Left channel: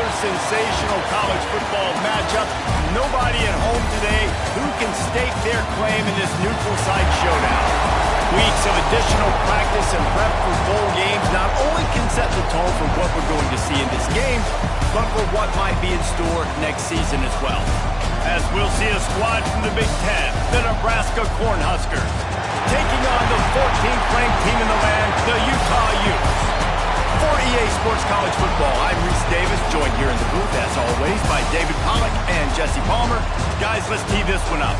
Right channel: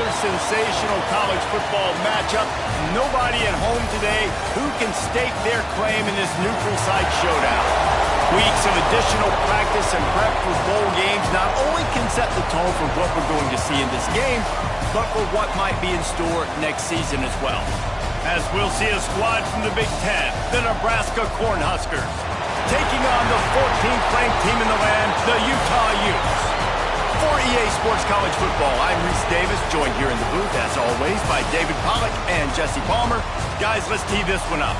Another sensational college football matchup. Nobody at home today who can stake their claim in this neutral site showdown. Weeks of additional practice and prep for bowl games not only can set the tone for what we're going to see in this game, but for what might be in store next season as well. As we'll see a squad from the Big Ten, the Nebraska Cornhuskers, taking on the 14th ranked team in the land, the Utah Utes. For EA Sports College Football, I'm Reese Davis, joined here in the booth, as always, by David Pollack and Jesse Palmer. Guys, let's tee this one up.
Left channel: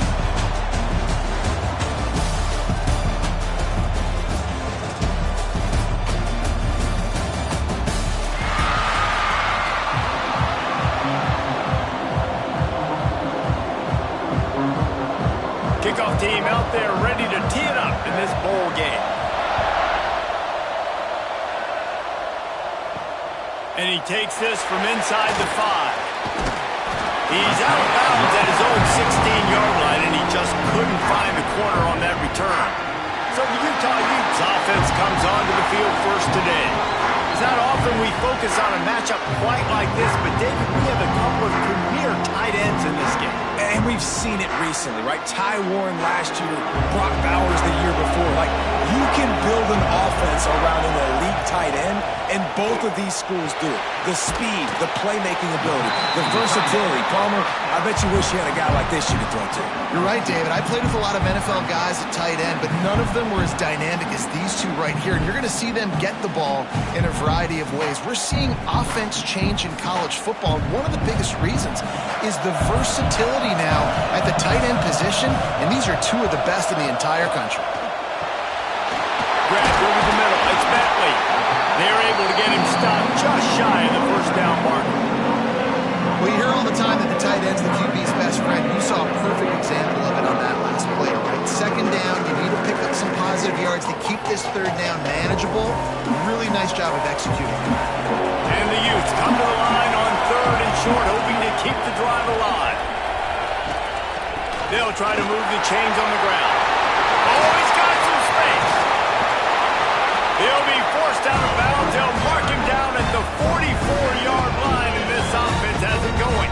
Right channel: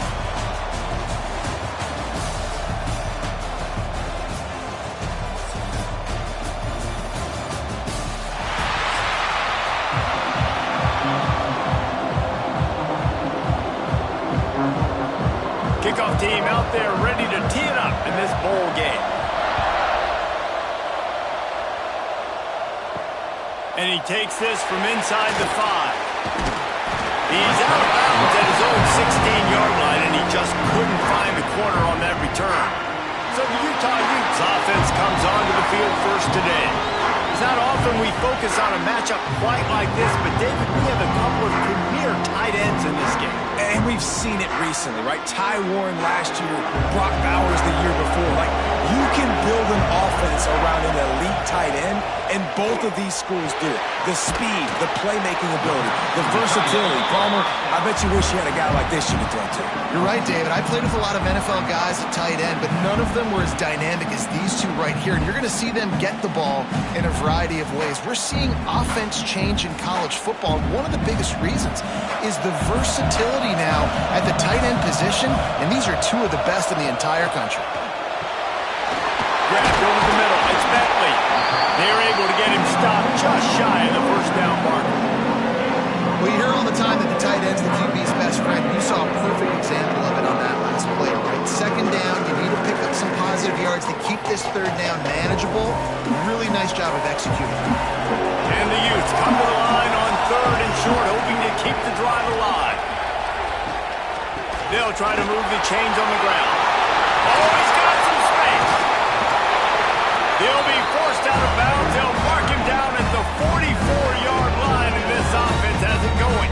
Kickoff team out there ready to tee it up in this bowl game. And he takes this from inside the 5. He's out of bounds at his own 16-yard line, and he just couldn't find the corner on that return. So the Utah Utes offense comes onto the field first today. It's not often we focus on a matchup quite like this, but David, we have a couple of premier tight ends in this game. And we've seen it recently, right? Ty Warren last year, Brock Bowers the year before. Like, you can build an offense around an elite tight end, and both of these schools do it. The speed, the playmaking ability, the versatility. Palmer, I bet you wish you had a guy like this you could throw to. You're right, David. I played with a lot of NFL guys at tight end, but none of them were as dynamic as these two right here. And you're going to see them get the ball in a variety of ways. We're seeing offense change in college football. And one of the biggest reasons is the versatility now at the tight end position, and these are two of the best in the entire country. Grabbed over the middle. It's Bentley. They're able to get him stopped just shy of the first down marker. Well, you hear all the time that the tight end's the QB's best friend. You saw a perfect example of it on that last play, right? Second down, you need to pick up some positive yards to keep this third down manageable. Really nice job of executing. And the Utes come to the line on 3rd and short, hoping to keep the drive alive. They'll try to move the chains on the ground. Oh, he's got some space. He'll be forced out of bounds. They'll mark him down at the 44-yard line, and this offense has it going.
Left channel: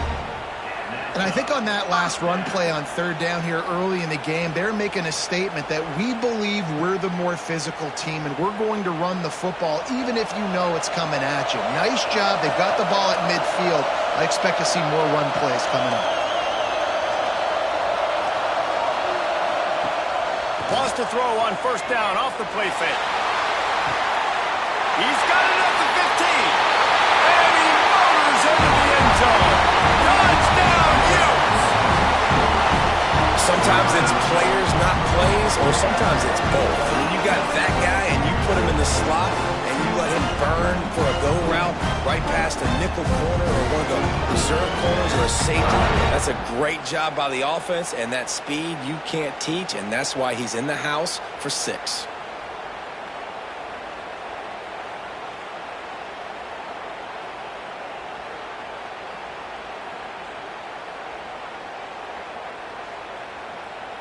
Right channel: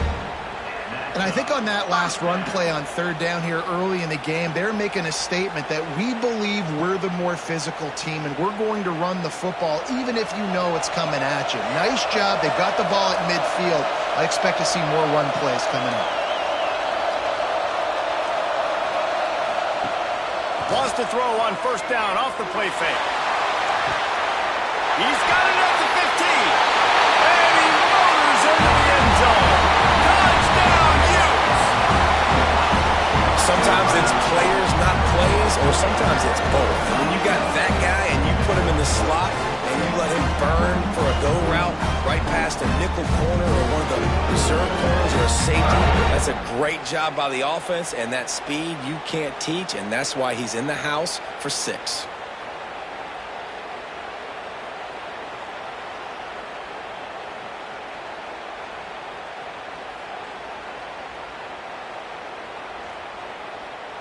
And I think on that last run play on 3rd down here early in the game, they're making a statement that we believe we're the more physical team, and we're going to run the football even if you know it's coming at you. Nice job. They've got the ball at midfield. I expect to see more run plays coming up. Wants to throw on 1st down off the play fake. He's got it at the 15. And he motors into the end zone. Touchdown, Utes! Sometimes it's players, not plays, or sometimes it's both. And when you got that guy and you put him in the slot and you let him burn for a go route right past a nickel corner or one of the reserve corners or a safety, that's a great job by the offense, and that speed you can't teach, and that's why he's in the house for 6.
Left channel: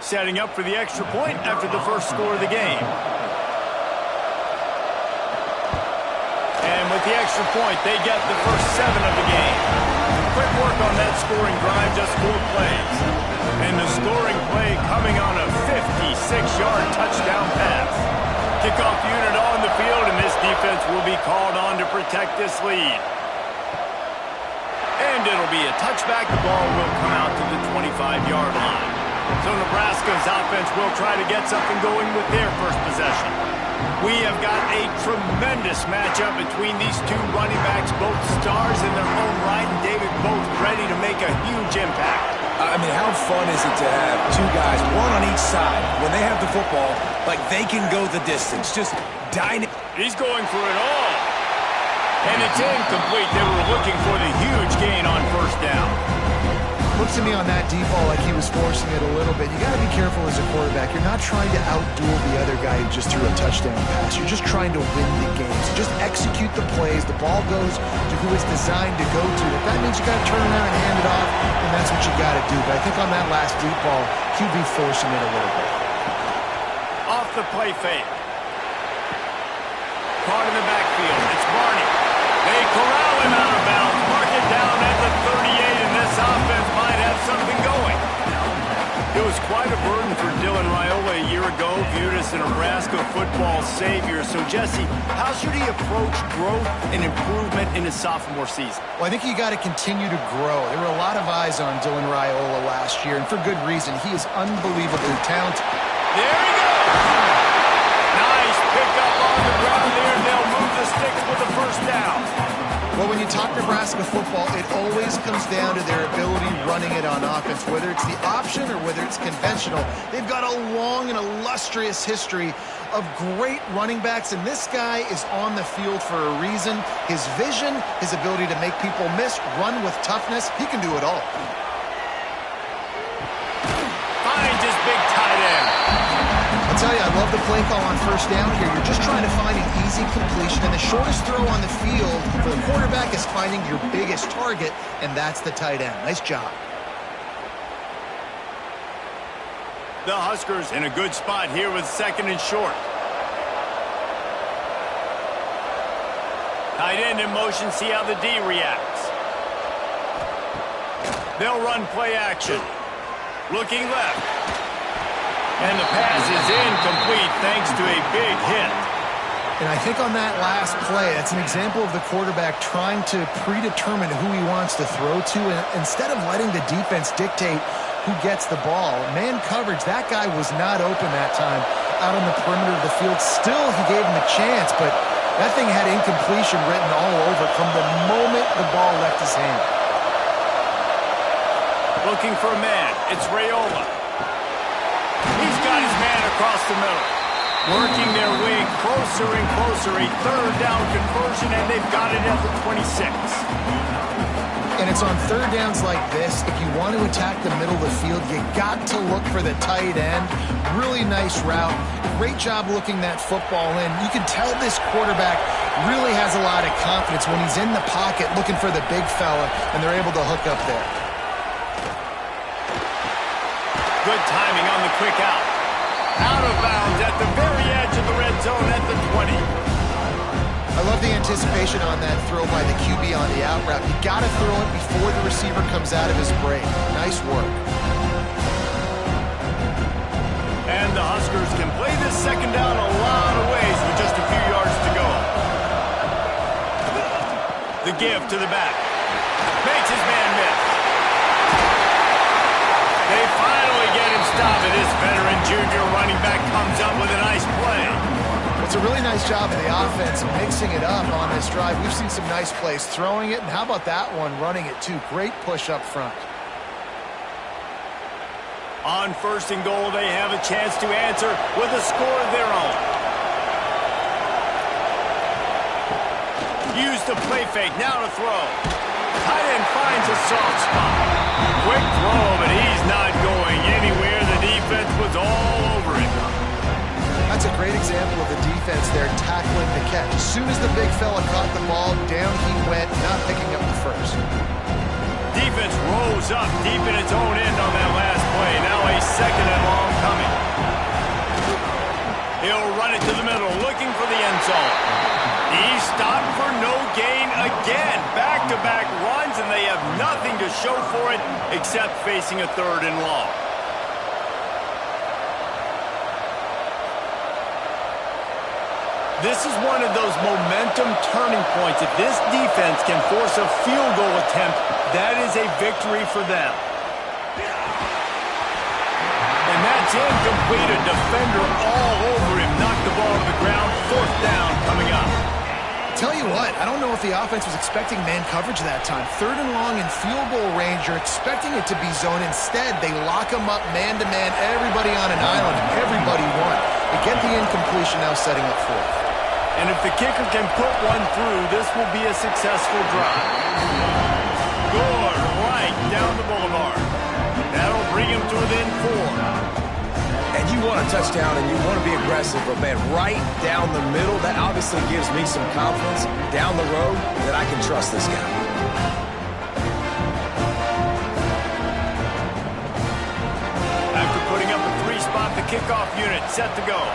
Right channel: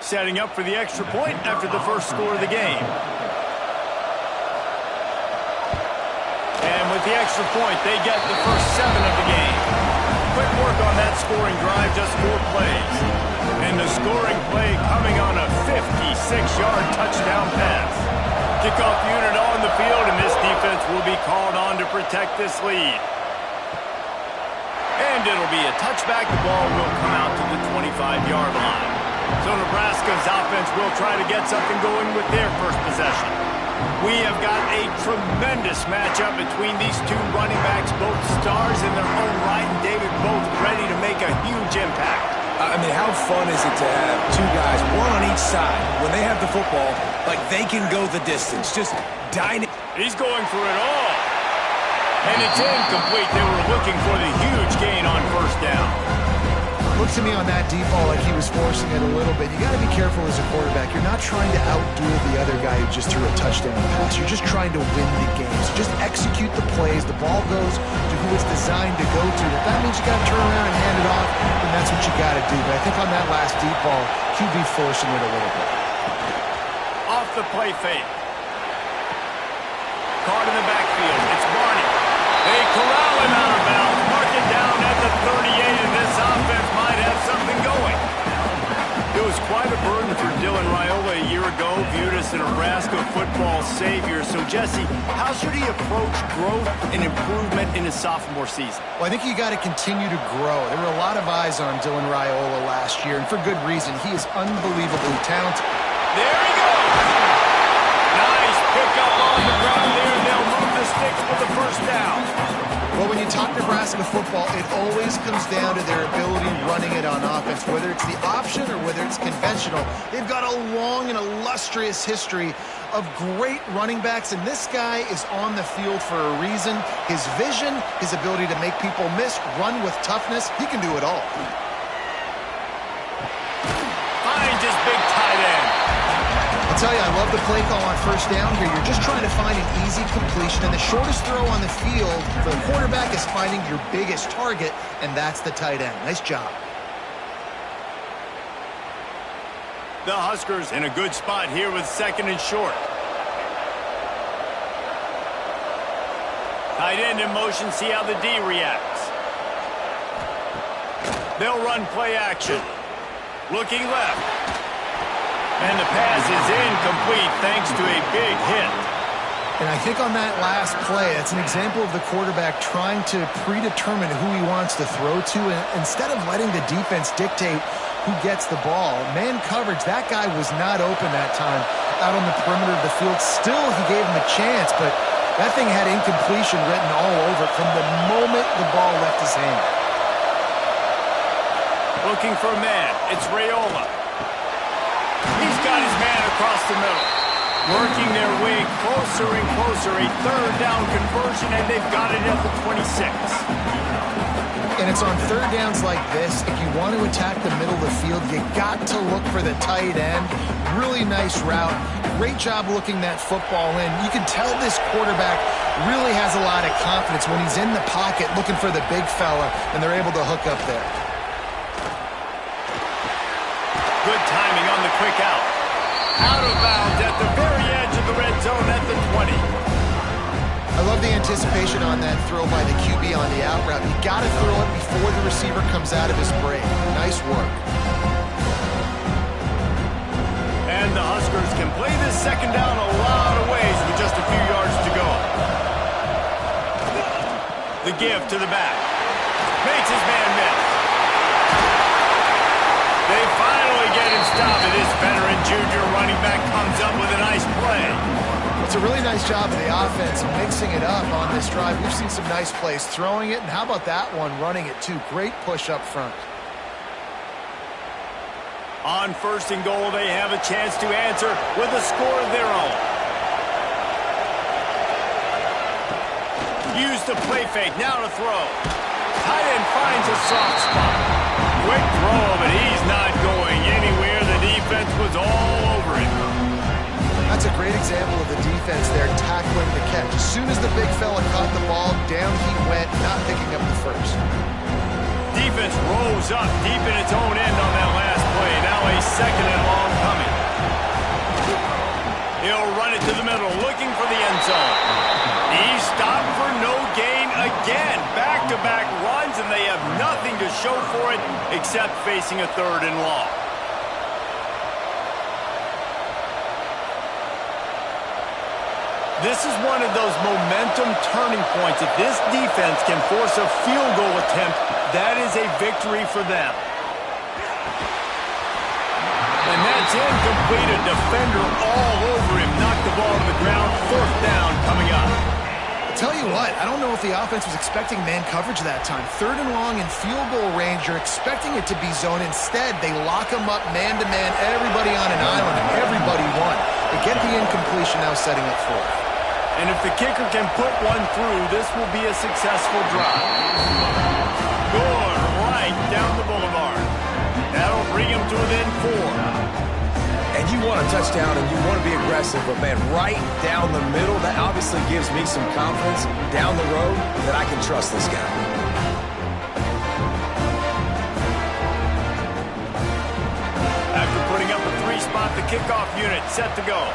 Setting up for the extra point after the first score of the game. And with the extra point, they get the first 7 of the game. Quick work on that scoring drive, just 4 plays. And the scoring play coming on a 56-yard touchdown pass. Kickoff unit on the field, and this defense will be called on to protect this lead. And it'll be a touchback. The ball will come out to the 25-yard line. So Nebraska's offense will try to get something going with their first possession. We have got a tremendous matchup between these two running backs, both stars in their own right, and David, both ready to make a huge impact. I mean, how fun is it to have two guys, one on each side, when they have the football, like they can go the distance, just dynamic. He's going for it all. And it's incomplete. They were looking for the huge gain on 1st down. Looks to me on that deep ball like he was forcing it a little bit. You got to be careful as a quarterback. You're not trying to outduel the other guy who just threw a touchdown pass. You're just trying to win the game. So just execute the plays. The ball goes to who it's designed to go to. If that means you got to turn around and hand it off, then that's what you got to do. But I think on that last deep ball, QB forcing it a little bit. Off the play fake. Caught in the backfield. It's Barney. They corral him out of bounds. Mark it down at the 38, and this offense might have something going. It was quite a burden for Dylan Raiola a year ago, viewed as the Nebraska football savior. So, Jesse, how should he approach growth and improvement in his sophomore season? Well, I think you got to continue to grow. There were a lot of eyes on Dylan Raiola last year, and for good reason. He is unbelievably talented. There he goes! Nice pickup on the ground there, and they'll move the sticks with the first down. Well, when you talk Nebraska football, it always comes down to their ability running it on offense, whether it's the option or whether it's conventional. They've got a long and illustrious history of great running backs, and this guy is on the field for a reason. His vision, his ability to make people miss, run with toughness, he can do it all. Finds his big tight end. I'll tell you, I love the play call on first down here. You're just trying to find an easy completion, and the shortest throw on the field for the quarterback is finding your biggest target, and that's the tight end. Nice job. The Huskers in a good spot here with second and short. Tight end in motion, see how the D reacts. They'll run play action. Looking left. And the pass is incomplete thanks to a big hit. And I think on that last play, that's an example of the quarterback trying to predetermine who he wants to throw to, and instead of letting the defense dictate who gets the ball. Man coverage, that guy was not open that time out on the perimeter of the field. Still, he gave him a chance, but that thing had incompletion written all over it from the moment the ball left his hand. Looking for a man. It's Raiola. He's got his man across the middle. Working their way closer and closer. A third down conversion, and they've got it at the 26. And it's on third downs like this. If you want to attack the middle of the field, you got to look for the tight end. Really nice route. Great job looking that football in. You can tell this quarterback really has a lot of confidence when he's in the pocket looking for the big fella, and they're able to hook up there. Good timing on the quick out. Out of bounds at the very edge of the red zone at the 20. I love the anticipation on that throw by the QB on the out route. You got to throw it before the receiver comes out of his break. Nice work. And the Huskers can play this second down a lot of ways with just a few yards to go. The give to the back. Makes his man miss. They finally get him stopped, and this veteran junior running back comes up with a nice play. It's a really nice job of the offense mixing it up on this drive. We've seen some nice plays throwing it, and how about that one running it too? Great push up front. On first and goal, they have a chance to answer with a score of their own. Use the play fake, now to throw. Tight end finds a soft spot. Quick throw, but he's not going anywhere. The defense was all over it. That's a great example of the defense there tackling the catch. As soon as the big fella caught the ball, down he went, not picking up the first. Defense rose up deep in its own end on that last play. Now a second and long coming. He'll run it to the middle, looking for the end zone. He's stopped for no gain again. Back-to-back runs, and they have nothing to show for it except facing a third and long. This is one of those momentum turning points. If this defense can force a field goal attempt, that is a victory for them. And that's incomplete. A defender all over him. Knocked the ball to the ground. Fourth down coming up. Tell you what, I don't know if the offense was expecting man coverage that time. Third and long in field goal range, you're expecting it to be zone. Instead, they lock them up man-to-man, everybody on an island, and everybody won. They get the incompletion, now setting up fourth. And if the kicker can put one through, this will be a successful drive. Good, right down the boulevard. That'll bring him to within 4. And you want a touchdown and you want to be aggressive, but man, right down the middle, that obviously gives me some confidence down the road that I can trust this guy. After putting up a 3-spot, the kickoff unit set to go.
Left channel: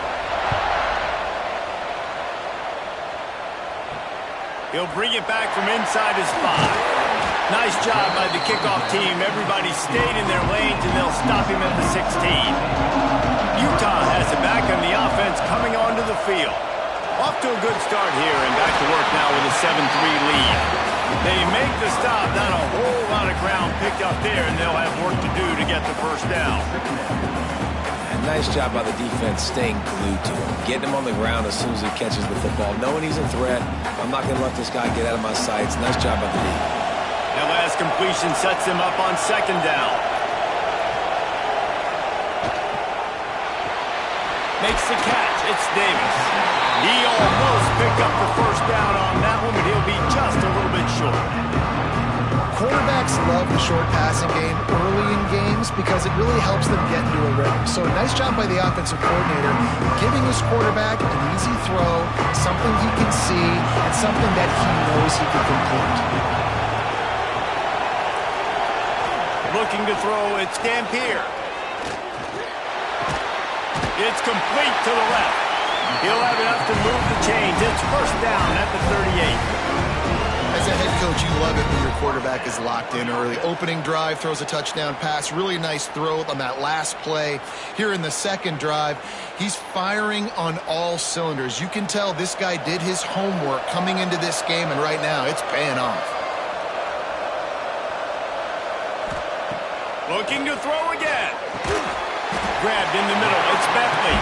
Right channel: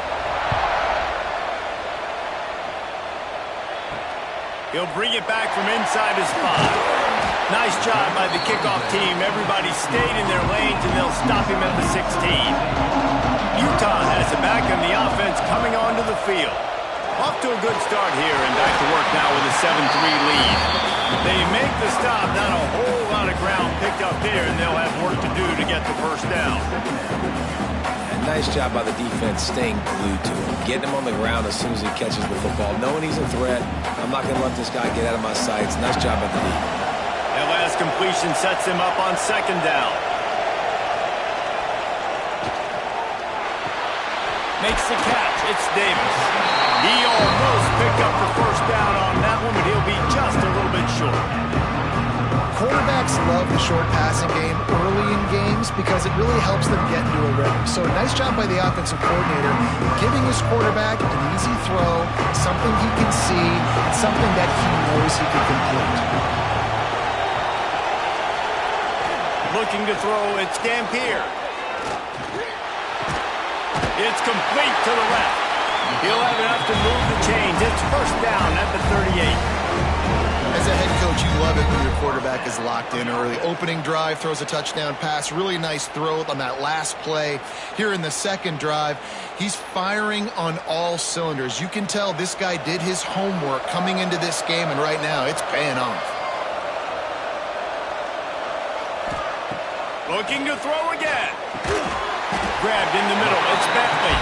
He'll bring it back from inside his 5. Nice job by the kickoff team. Everybody stayed in their lanes, and they'll stop him at the 16. Utah has it back on the offense coming onto the field. Off to a good start here, and back to work now with a 7-3 lead. They make the stop, not a whole lot of ground picked up there, and they'll have work to do to get the first down. And nice job by the defense staying glued to him, getting him on the ground as soon as he catches the football, knowing he's a threat. I'm not going to let this guy get out of my sights. Nice job by the D. That last completion sets him up on 2nd down. Makes the catch. It's Davis. He almost picked up the first down on that one, but he'll be just a little bit short. Quarterbacks love the short passing game early in games because it really helps them get into a rhythm. So nice job by the offensive coordinator giving his quarterback an easy throw, something he can see, and something that he knows he can complete. Looking to throw, it's Dampier. It's complete to the left. He'll have enough to move the chains. It's first down at the 38. As a head coach, you love it when your quarterback is locked in early. Opening drive, throws a touchdown pass. Really nice throw on that last play. Here in the 2nd drive, he's firing on all cylinders. You can tell this guy did his homework coming into this game, and right now it's paying off. Looking to throw again. Grabbed in the middle. It's Bentley.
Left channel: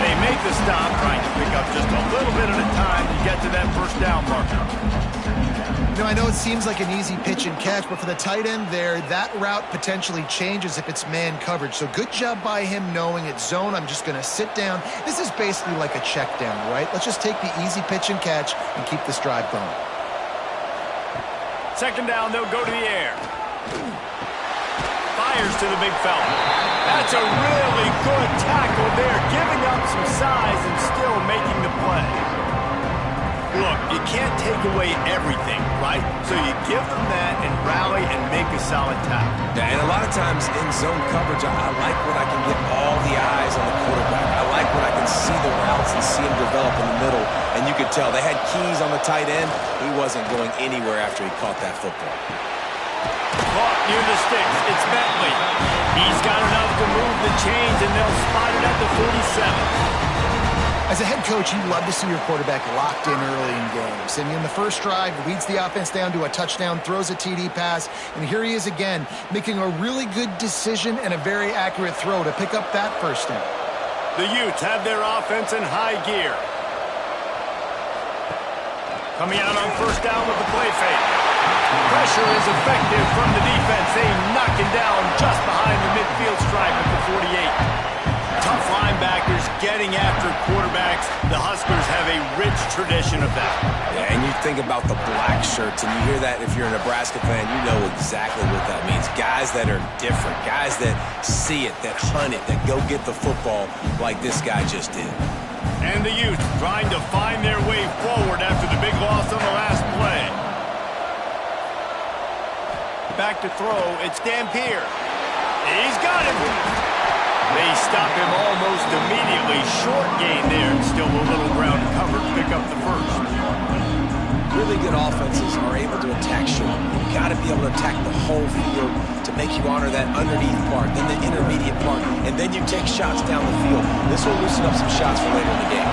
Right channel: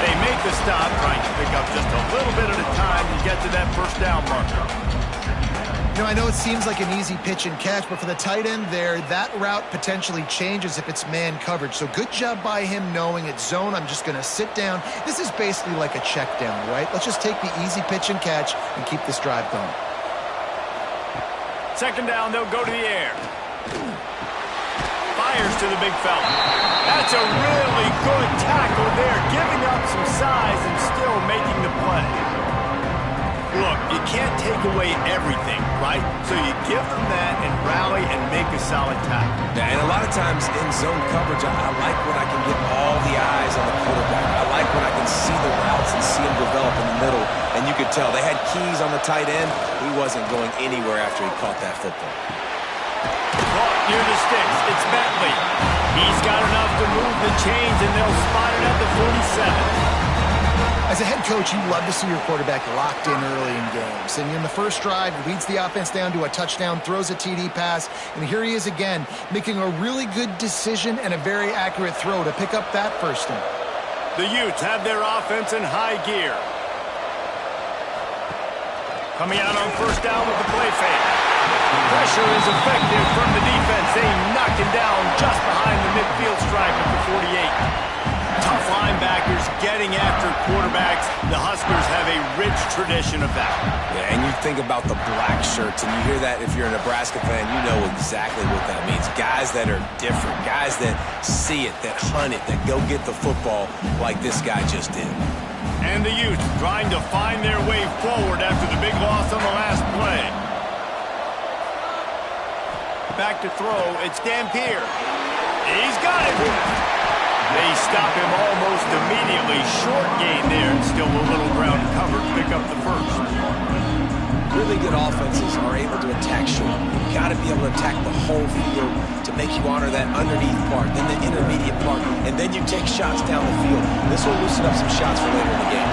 They make the stop, trying to pick up just a little bit at a time to get to that first down marker. You know, I know it seems like an easy pitch and catch, but for the tight end there, that route potentially changes if it's man coverage. So good job by him knowing it's zone. I'm just going to sit down. This is basically like a check down, right? Let's just take the easy pitch and catch and keep this drive going. 2nd down, they'll go to the air. Fires to the big fella. That's a really good tackle there, giving up some size and still making the play. Look, you can't take away everything, right? So you give them that and rally and make a solid tackle. Yeah, and a lot of times in zone coverage, I like when I can get all the eyes on the quarterback. I like when I can see the routes and see them develop in the middle. And you could tell they had keys on the tight end. He wasn't going anywhere after he caught that football. Caught near the sticks. It's Bentley. He's got enough to move the chains, and they'll spot it at the 47. As a head coach, you love to see your quarterback locked in early in games. And in the first drive, leads the offense down to a touchdown, throws a TD pass, and here he is again, making a really good decision and a very accurate throw to pick up that first down. The Utes have their offense in high gear. Coming out on first down with the play fake. Pressure is effective from the defense. They knock him down just behind the midfield stripe at the 48. Tough linebackers getting after quarterbacks. The Huskers have a rich tradition of that. Yeah, and you think about the black shirts, and you hear that if you're a Nebraska fan, you know exactly what that means. Guys that are different, guys that see it, that hunt it, that go get the football like this guy just did. And the Utes trying to find their way forward after the big loss on the last play. Back to throw, it's Dampier. He's got it. They stop him almost immediately. Short gain there, and still a little ground covered to pick up the first. Really good offenses are able to attack short. You've got to be able to attack the whole field to make you honor that underneath part, then the intermediate part, and then you take shots down the field. This will loosen up some shots for later in the game.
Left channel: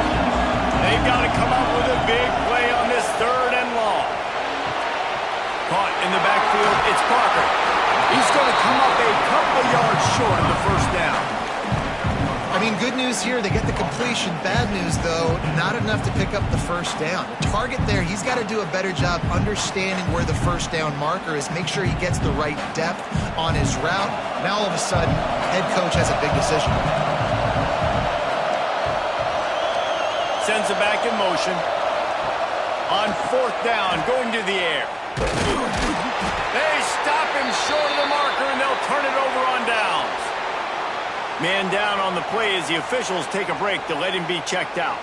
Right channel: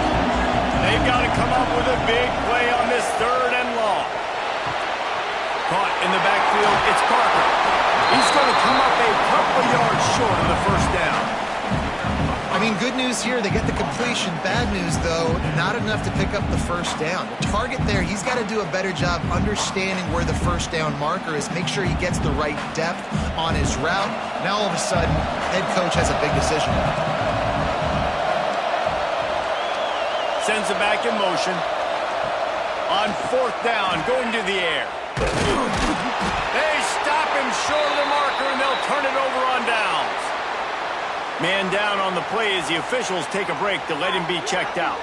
They've got to come up with a big play on this 3rd and long. Caught in the backfield, it's Parker. He's going to come up a couple yards short of the first down. I mean, good news here, they get the completion. Bad news, though, not enough to pick up the first down. The target there, he's got to do a better job understanding where the first down marker is, make sure he gets the right depth on his route. Now, all of a sudden, head coach has a big decision. Sends it back in motion. On 4th down, going to the air. They stop him short of the marker, and they'll turn it over on downs. Man down on the play as the officials take a break to let him be checked out.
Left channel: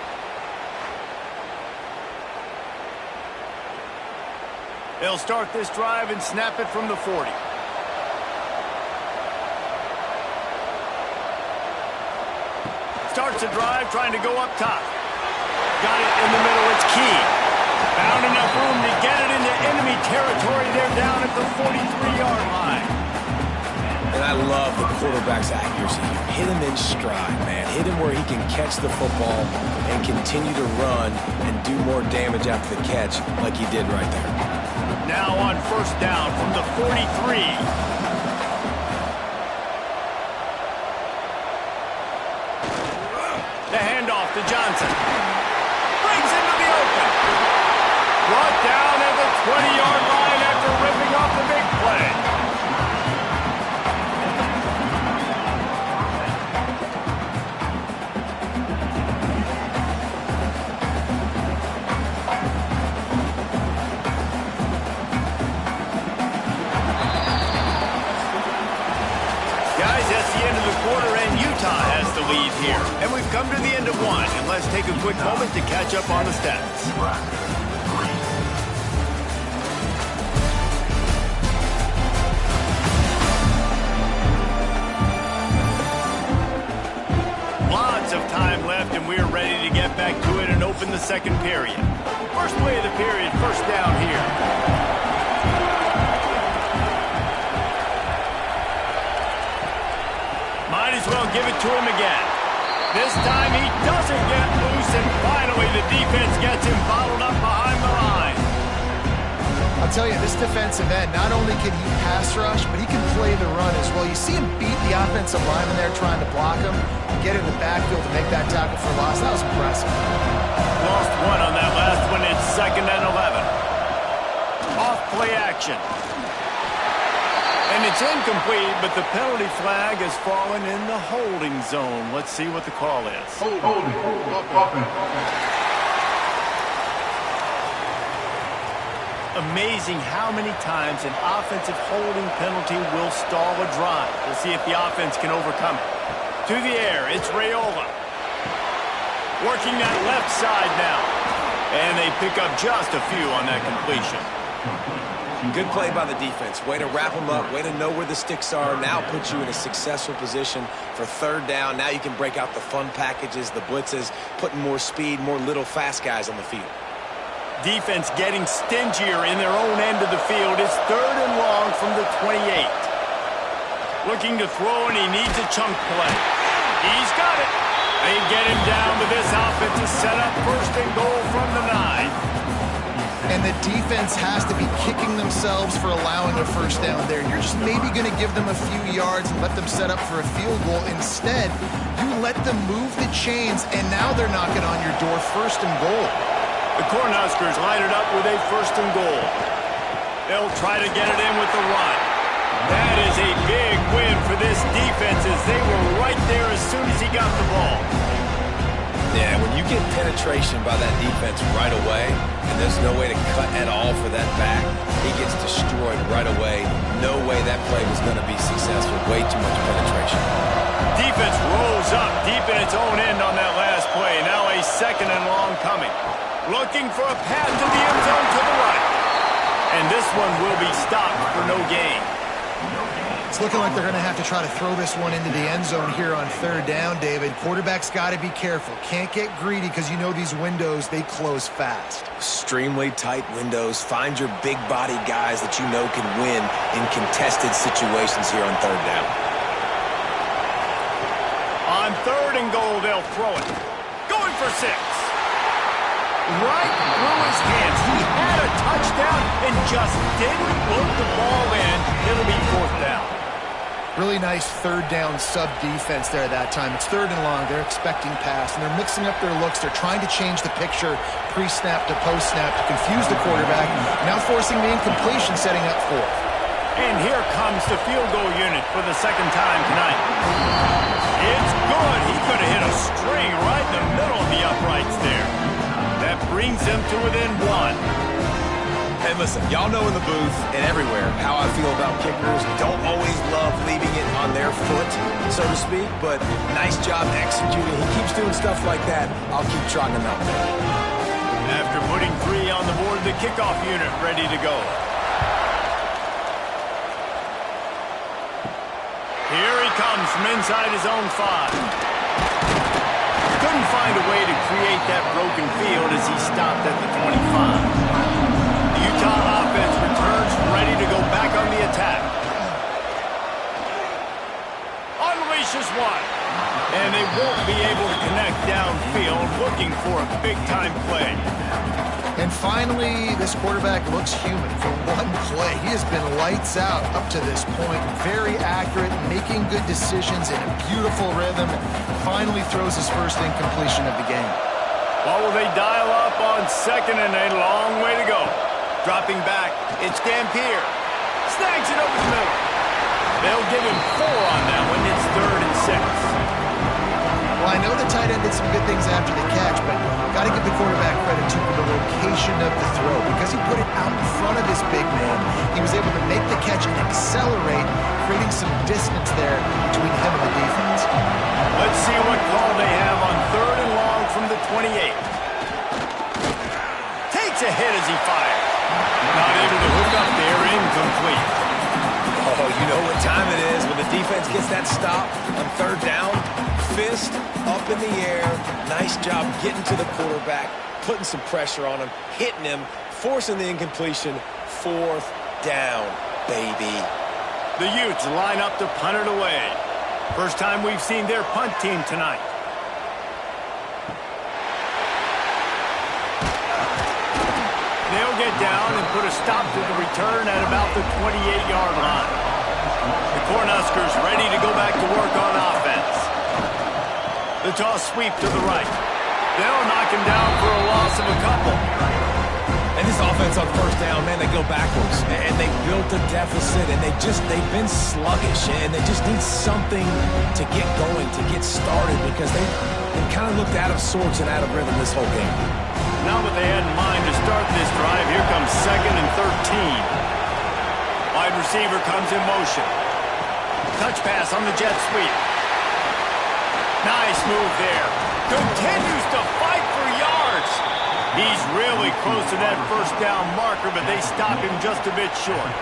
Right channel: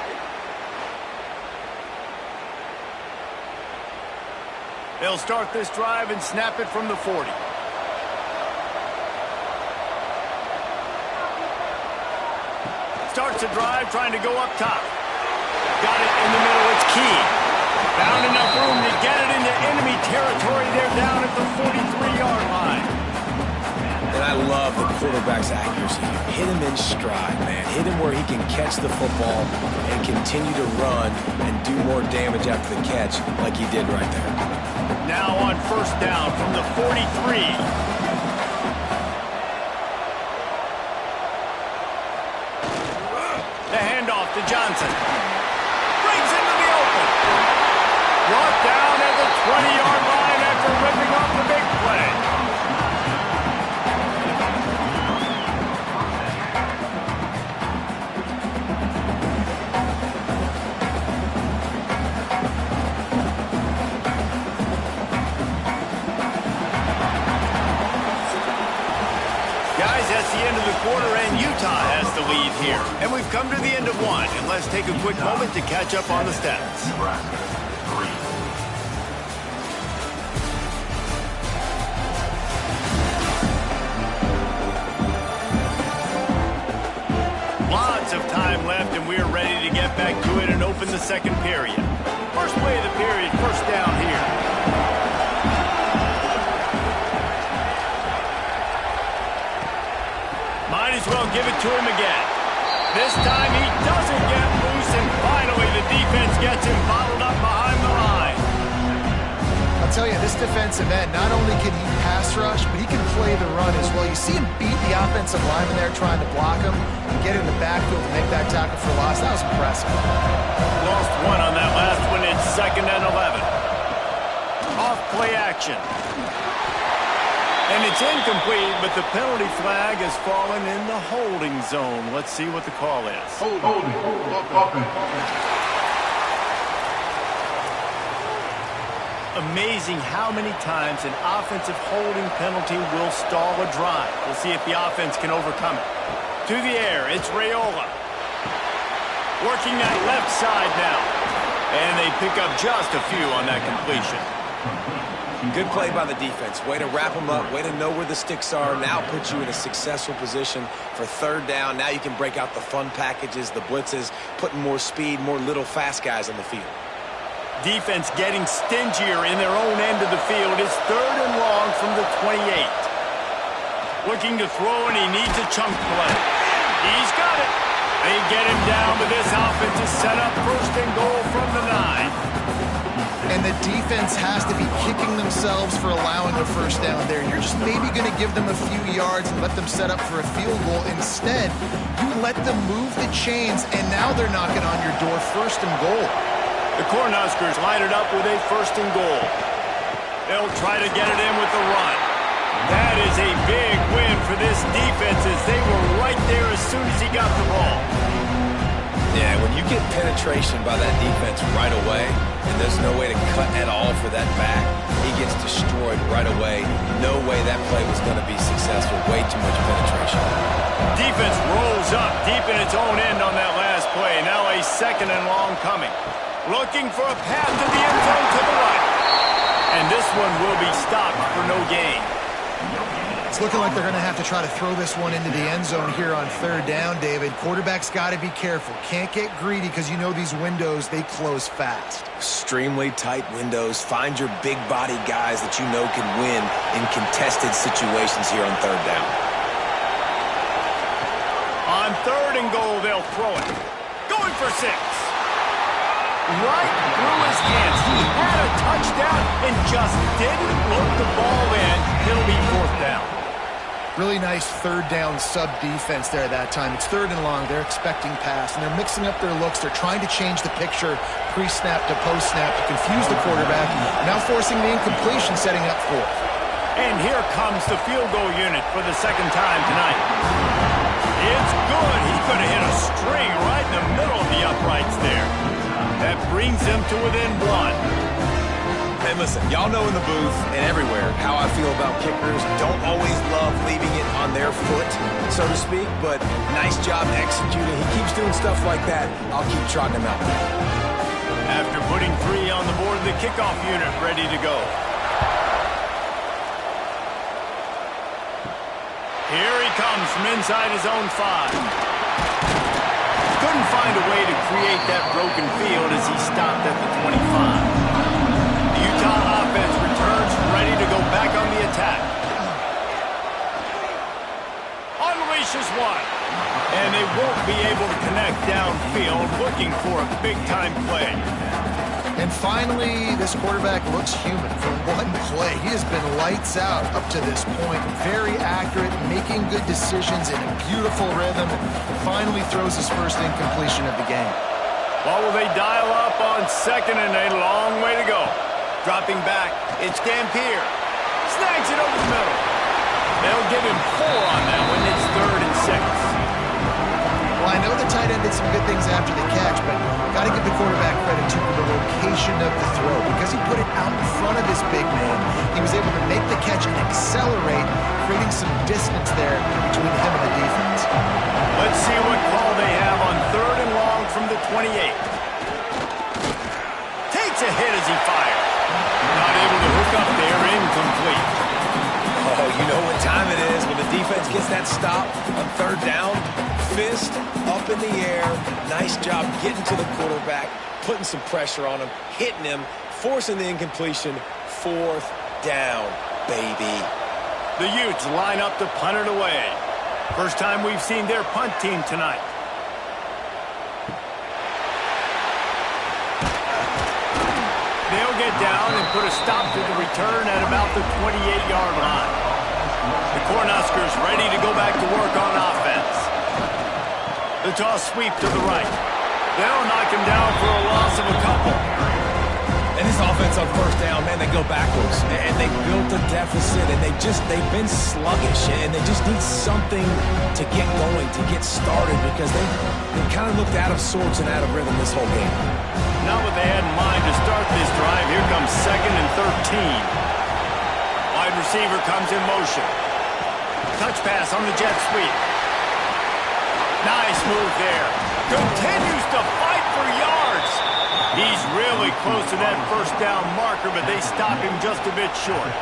They'll start this drive and snap it from the 40. Starts a drive trying to go up top. Got it in the middle. It's Key. Found enough room to get it into enemy territory. They're down at the 43-yard line. And I love the quarterback's accuracy here. Hit him in stride, man. Hit him where he can catch the football and continue to run and do more damage after the catch like he did right there. Now on first down from the 43. The handoff to Johnson. Brings into the open. Brought down at the 20-yard line after ripping off the big play. Guys, that's the end of the quarter, and Utah has the lead here. And we've come to the end of one, and let's take a quick moment to catch up on the stats. Nebraska, 3. Lots of time left, and we're ready to get back to it and open the second period. First play of the period, first down here. Might as well give it to him again. This time he doesn't get loose, and finally the defense gets him bottled up behind the line. I'll tell you, this defensive end, not only can he pass rush, but he can play the run as well. You see him beat the offensive lineman there trying to block him and get in the backfield to make that tackle for loss. That was impressive. Lost one on that last one. It's 2nd and 11. Off play action. And it's incomplete, but the penalty flag has fallen in the holding zone. Let's see what the call is. Holding. Offense. Amazing how many times an offensive holding penalty will stall a drive. We'll see if the offense can overcome it. To the air, it's Raiola. Working that left side now. And they pick up just a few on that completion. Good play by the defense. Way to wrap them up. Way to know where the sticks are. Now put you in a successful position for third down. Now you can break out the fun packages, the blitzes, putting more speed, more little fast guys on the field. Defense getting stingier in their own end of the field. It's 3rd and long from the 28. Looking to throw, and he needs a chunk play. He's got it. They get him down, but this offense is set up 1st and goal from the 9. And the defense has to be kicking themselves for allowing a first down there. You're just maybe going to give them a few yards and let them set up for a field goal. Instead, you let them move the chains, and now they're knocking on your door 1st and goal. The Cornhuskers line it up with a 1st and goal. They'll try to get it in with the run. That is a big win for this defense, as they were right there as soon as he got the ball. Yeah, when you get penetration by that defense right away, and there's no way to cut at all for that back, he gets destroyed right away. No way that play was going to be successful. Way too much penetration. Defense rolls up deep in its own end on that last play. Now a 2nd and long coming. Looking for a path to the end zone to the right. And this one will be stopped for no gain. It's looking like they're going to have to try to throw this one into the end zone here on 3rd down, David. Quarterback's got to be careful. Can't get greedy because you know these windows, they close fast. Extremely tight windows. Find your big body guys that you know can win in contested situations here on 3rd down. On 3rd and goal, they'll throw it. Going for 6. Right through his hands. He had a touchdown and just didn't look the ball in. It'll be 4th down. Really nice 3rd down sub-defense there that time. It's 3rd and long. They're expecting pass, and they're mixing up their looks. They're trying to change the picture pre-snap to post-snap to confuse the quarterback, now forcing the incompletion, setting up 4th. And here comes the field goal unit for the 2nd time tonight. It's good. He could have hit a string right in the middle of the uprights there. That brings them to within 1. Hey, listen, y'all know in the booth and everywhere how I feel about kickers. Don't always love leaving it on their foot, so to speak, but nice job executing. He keeps doing stuff like that. I'll keep trotting him out there. After putting 3 on the board, the kickoff unit ready to go. Here he comes from inside his own 5. Couldn't find a way to create that broken field as he stopped at the 25. The Utah offense returns ready to go back on the attack. Unleashes one. And they won't be able to connect downfield, looking for a big-time play. And finally, this quarterback looks human for one play. He has been lights out up to this point. Very accurate, making good decisions in a beautiful rhythm. Finally throws his first incompletion of the game. What will they dial up on second and a long way to go? Dropping back, it's Dampier. Snags it over the middle. They'll give him 4 on that one. It's 3rd and 6. Well, I know the tight end did some good things after the catch, but got to give the quarterback credit, too, for the location of the throw. Because he put it out in front of his big man, he was able to make the catch and accelerate, creating some distance there between him and the defense. Let's see what call they have on 3rd and long from the 28. Takes a hit as he fires. Not able to hook up there, incomplete. Oh, you know what time it is when the defense gets that stop on 3rd down. Fist up in the air. Nice job getting to the quarterback, putting some pressure on him, hitting him, forcing the incompletion. 4th down, baby. The Utes line up to punt it away. First time we've seen their punt team tonight. They'll get down and put a stop to the return at about the 28-yard line. The Cornhuskers ready to go back to work on offense. The toss sweep to the right. They'll knock him down for a loss of a couple. And this offense on 1st down, man, they go backwards. And they built a deficit, and they've been sluggish. And they just need something to get going, to get started, because they've kind of looked out of sorts and out of rhythm this whole game. Not what they had in mind to start this drive. Here comes 2nd and 13. Wide receiver comes in motion. Touch pass on the jet sweep. Nice move there. Continues to fight for yards. He's really close to that 1st down marker, but they stop him just a bit short.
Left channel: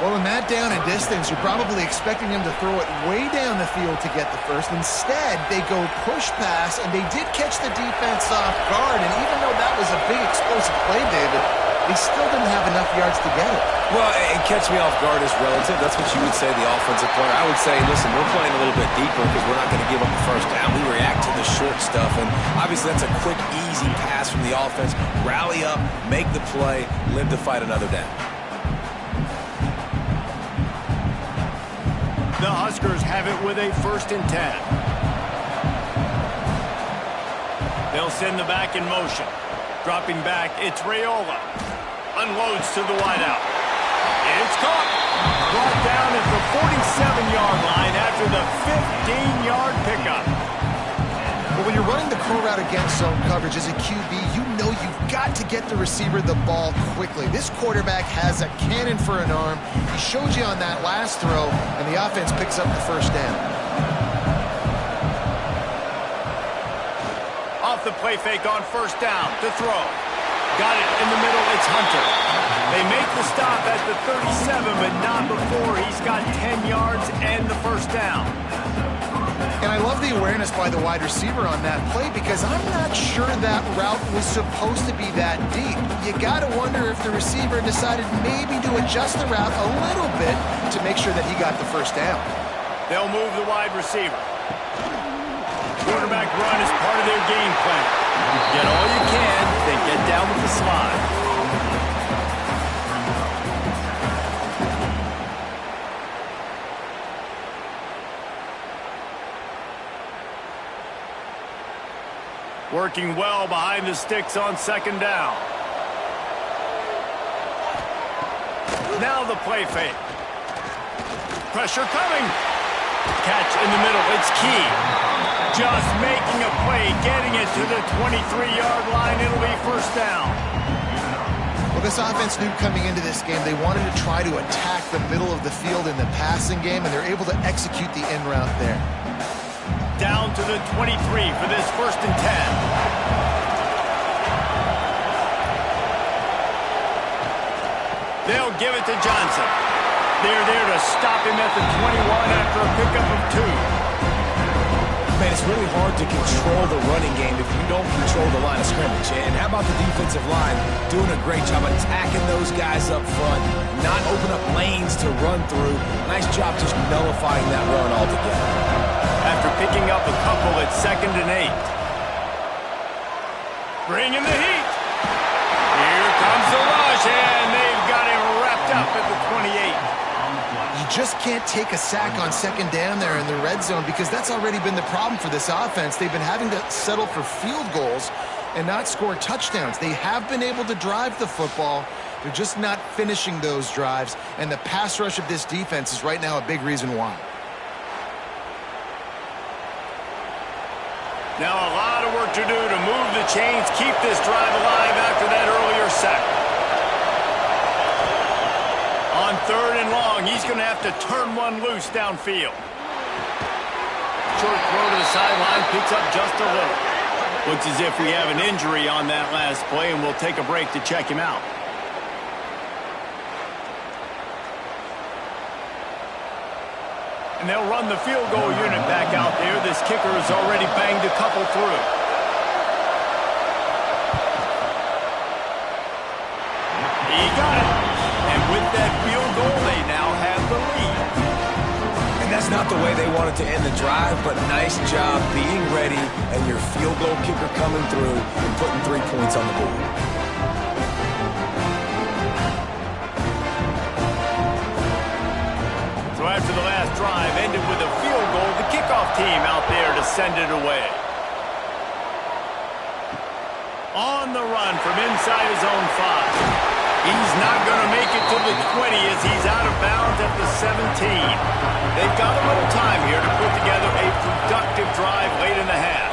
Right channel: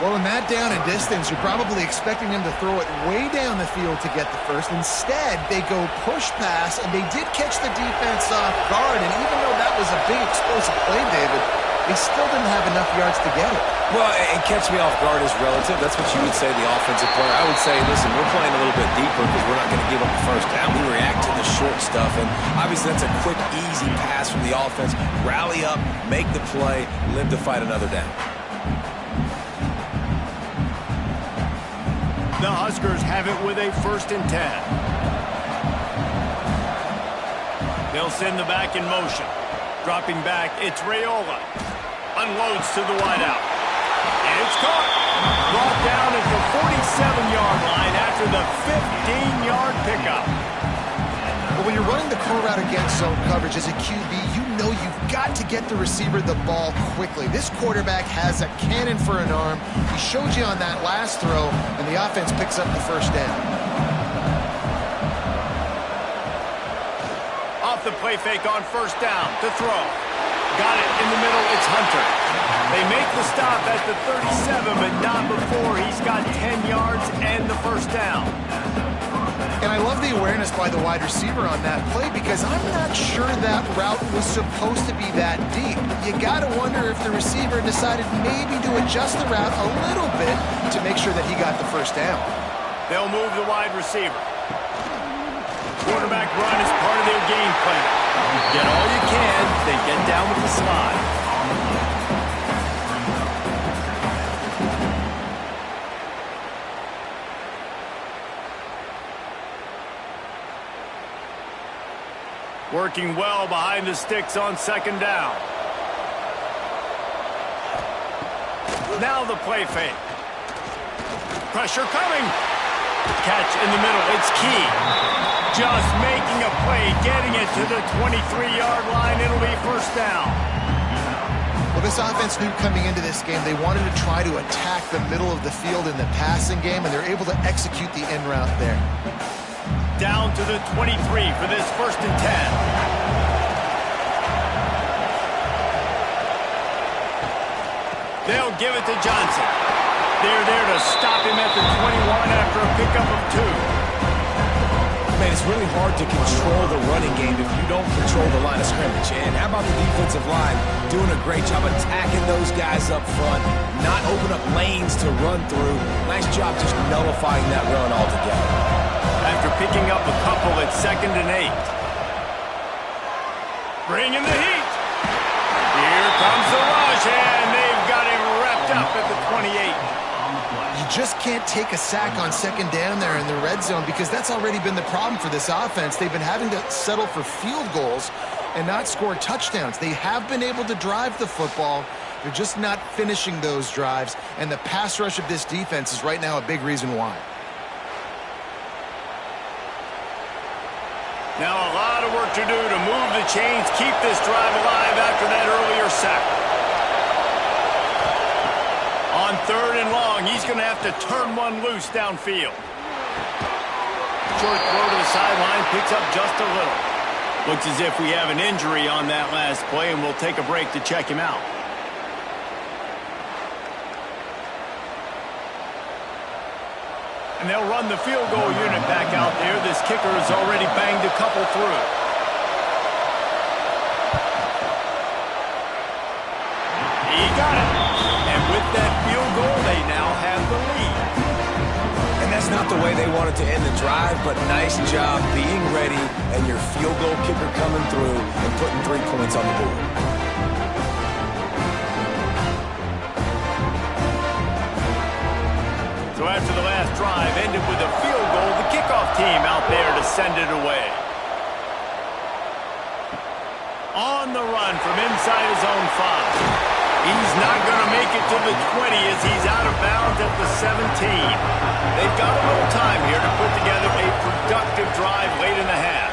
Well, in that down and distance, you're probably expecting him to throw it way down the field to get the first. Instead, they go push pass, and they did catch the defense off guard. And even though that was a big explosive play, David, they still didn't have enough yards to get it. Well, and catch me off guard is relative. That's what you would say, the offensive player. I would say, listen, we're playing a little bit deeper because we're not going to give up the 1st down. We react to the short stuff, and obviously that's a quick, easy pass from the offense. Rally up, make the play, live to fight another down. The Huskers have it with a 1st and 10. They'll send the back in motion. Dropping back, it's Raiola. Unloads to the wideout. It's caught. Brought down at the 47-yard line after the 15-yard pickup. But when you're running the curl route against zone coverage as a QB, you know you've got to get the receiver the ball quickly. This quarterback has a cannon for an arm. He showed you on that last throw, and the offense picks up the 1st down. Off the play fake on 1st down to throw. Got it in the middle, it's Hunter. They make the stop at the 37, but not before he's got 10 yards and the 1st down. And I love the awareness by the wide receiver on that play because I'm not sure that route was supposed to be that deep. You got to wonder if the receiver decided maybe to adjust the route a little bit to make sure that he got the 1st down. They'll move the wide receiver. Quarterback run is part of their game plan. Get all you can, then get down with the slide. Working well behind the sticks on 2nd down. Now the play fake. Pressure coming. Catch in the middle. It's key. Just making a play, getting it to the 23-yard line. It'll be 1st down. Well, this offense knew coming into this game they wanted to try to attack the middle of the field in the passing game, and they're able to execute the in route there. Down to the 23 for this 1st and 10. They'll give it to Johnson. They're there to stop him at the 21 after a pickup of 2. Man, it's really hard to control the running game if you don't control the line of scrimmage. And how about the defensive line doing a great job attacking those guys up front, not open up lanes to run through. Nice job just nullifying that run altogether. After picking up a couple at 2nd and 8. Bringing the heat. Here comes the rush, and they've got him wrapped up at the 28. You just can't take a sack on 2nd down there in the red zone because that's already been the problem for this offense. They've been having to settle for field goals and not score touchdowns. They have been able to drive the football. They're just not finishing those drives, and the pass rush of this defense is right now a big reason why. Now a lot of work to do to move the chains, keep this drive alive after that earlier sack. On 3rd and long, he's going to have to turn one loose downfield. Short throw to the sideline, picks up just a little. Looks as if we have an injury on that last play, and we'll take a break to check him out. And they'll run the field goal unit back out there. This kicker has already banged a couple through. He got it. And with that field goal, they now have the lead. And that's not the way they wanted to end the drive, but nice job being ready and your field goal kicker coming through and putting 3 points on the board. So after the last drive ended with a field goal, the kickoff team out there to send it away. On the run from inside his own 5. He's not going to make it to the 20 as he's out of bounds at the 17. They've got a little time here to put together a productive drive late in the half.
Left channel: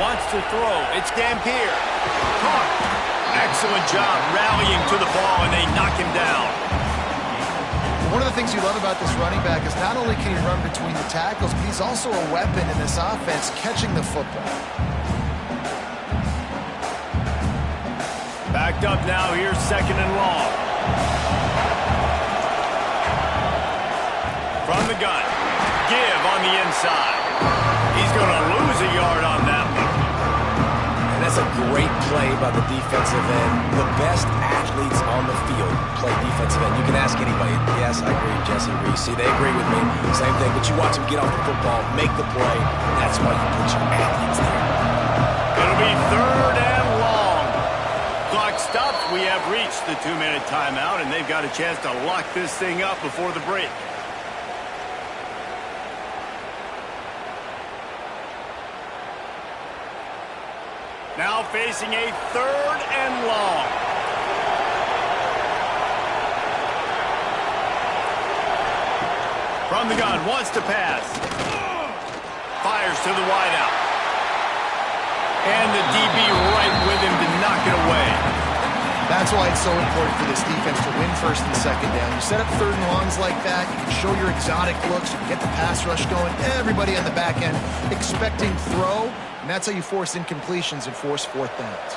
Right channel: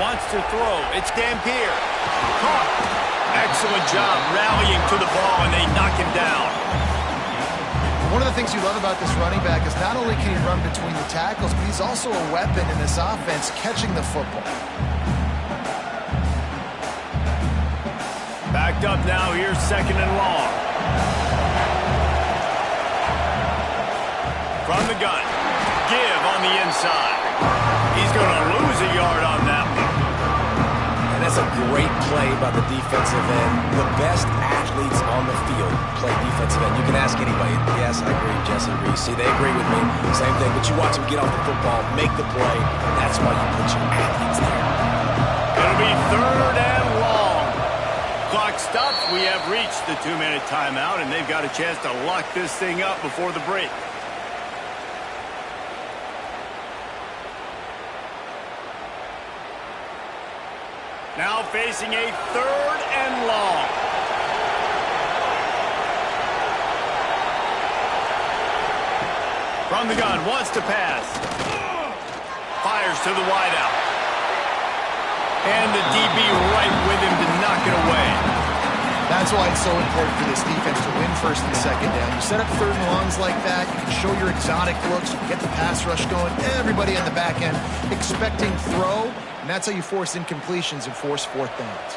Wants to throw. It's Dampier. Caught. Excellent job rallying to the ball, and they knock him down. One of the things you love about this running back is not only can he run between the tackles, but he's also a weapon in this offense catching the football. Backed up now, here's 2nd and long. From the gun. Give on the inside. He's going to lose a yard on that one. And that's a great play by the defensive end. The best athletes on the field play defensive end. You can ask anybody. Yes, I agree, Jesse Reese. See, they agree with me. Same thing, but you watch them get off the football, make the play. That's why you put your athletes there. It'll be 3rd and long. Clock stops. We have reached the 2-minute timeout, and they've got a chance to lock this thing up before the break. Now facing a 3rd and long. From the gun, wants to pass. Fires to the wideout. And the DB right with him to knock it away. That's why it's so important for this defense to win 1st and 2nd down. You set up 3rd and longs like that, you can show your exotic looks, you can get the pass rush going, everybody on the back end expecting throw, and that's how you force incompletions and force 4th downs.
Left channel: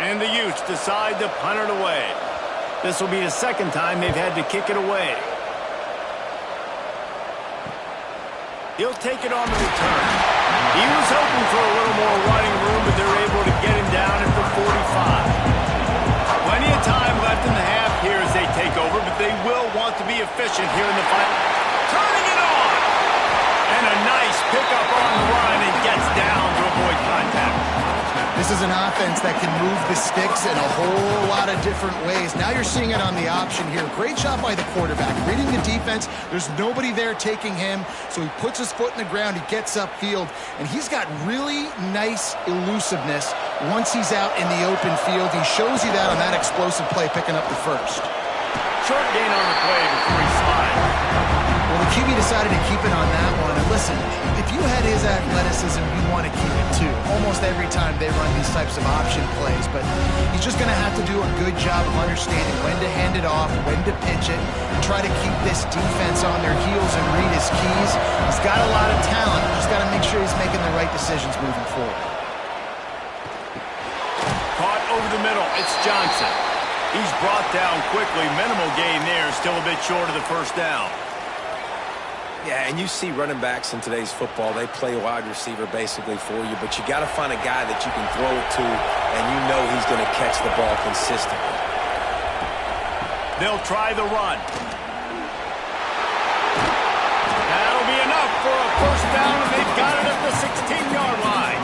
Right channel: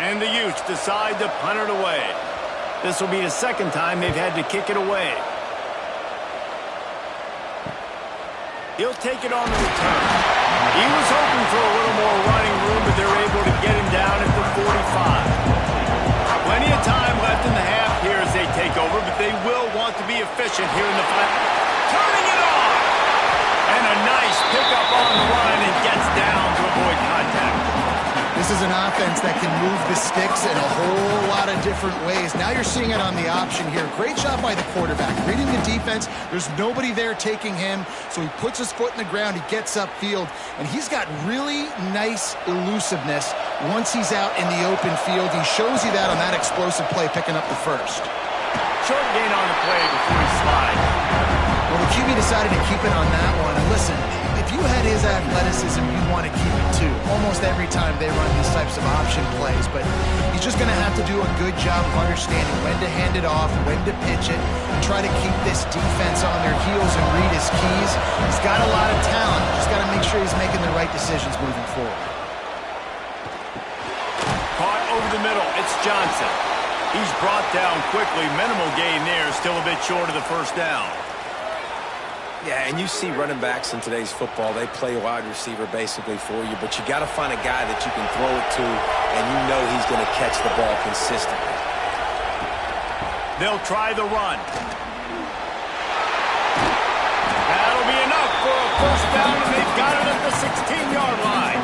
And the Utes decide to punt it away. This will be the 2nd time they've had to kick it away. He'll take it on the return. He was hoping for a little more running room, but they're able to get him down at the 45. Plenty of time left in the half here as they take over, but they will want to be efficient here in the final. Turning it on! And a nice pickup on the run and gets down to avoid contact. This is an offense that can move the sticks in a whole lot of different ways. Now you're seeing it on the option here. Great job by the quarterback. Reading the defense, there's nobody there taking him, so he puts his foot in the ground, he gets upfield, and he's got really nice elusiveness once he's out in the open field. He shows you that on that explosive play, picking up the 1st. Short gain on the play before he slides. Well, the QB decided to keep it on that one. And listen, if you had his athleticism, you'd want to keep it too. Almost every time they run these types of option plays. But he's just going to have to do a good job of understanding when to hand it off, when to pitch it, and try to keep this defense on their heels and read his keys. He's got a lot of talent. Just got to make sure he's making the right decisions moving forward. Caught over the middle. It's Johnson. He's brought down quickly. Minimal gain there. Still a bit short of the 1st down. Yeah, and you see running backs in today's football, they play wide receiver basically for you, but you got to find a guy that you can throw it to, and you know he's going to catch the ball consistently. They'll try the run. That'll be enough for a first down, and they've got it at the 16-yard line.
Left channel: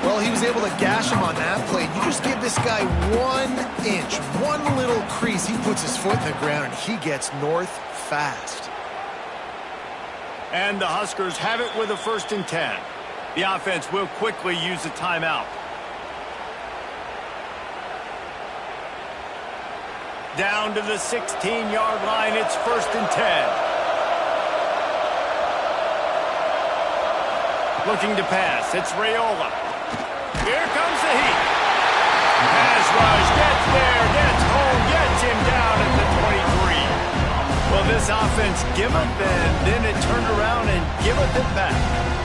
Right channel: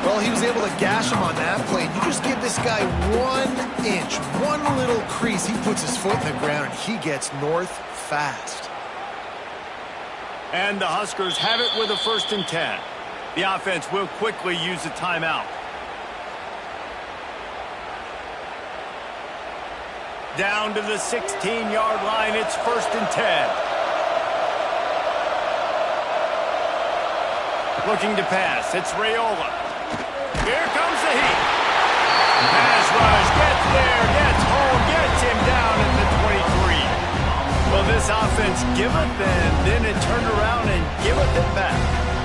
Well, he was able to gash him on that play. You just give this guy 1 inch, one little crease. He puts his foot in the ground, and he gets north fast. And the Huskers have it with a 1st and 10. The offense will quickly use the timeout. Down to the 16-yard line, it's 1st and 10. Looking to pass, it's Raiola. Here comes the heat. Pass rush, gets there, gets home, gets him down at the 23. Well, this offense giveth, and then it turned around and giveth it back.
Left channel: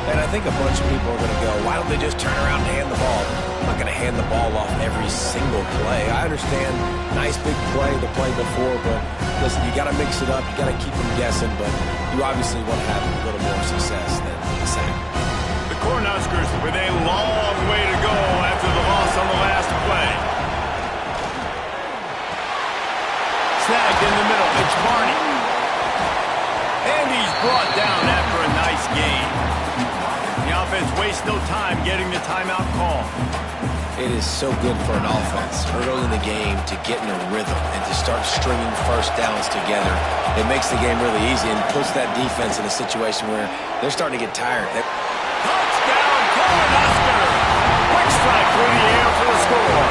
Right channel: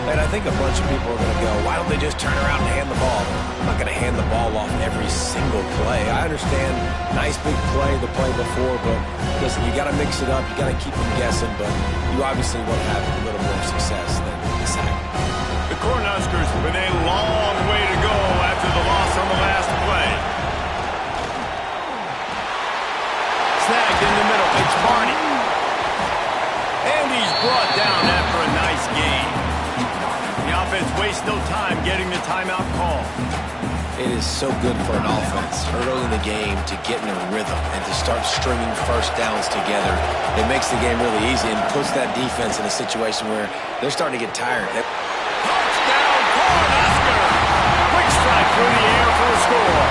And I think a bunch of people are going to go, why don't they just turn around and hand the ball? I'm not going to hand the ball off every single play. I understand, nice big play, the play before, but listen, you got to mix it up. You got to keep them guessing, but you obviously want to have a little more success than the sack. The Cornhuskers with a long way to go after the loss on the last play. Snagged in the middle, it's Barney. And he's brought down after a nice gain. The offense wastes no time getting the timeout call. It is so good for an offense early in the game to get in a rhythm and to start stringing first downs together. It makes the game really easy and puts that defense in a situation where they're starting to get tired. Touchdown, Cornhuskers! Quick strike through the air for the score.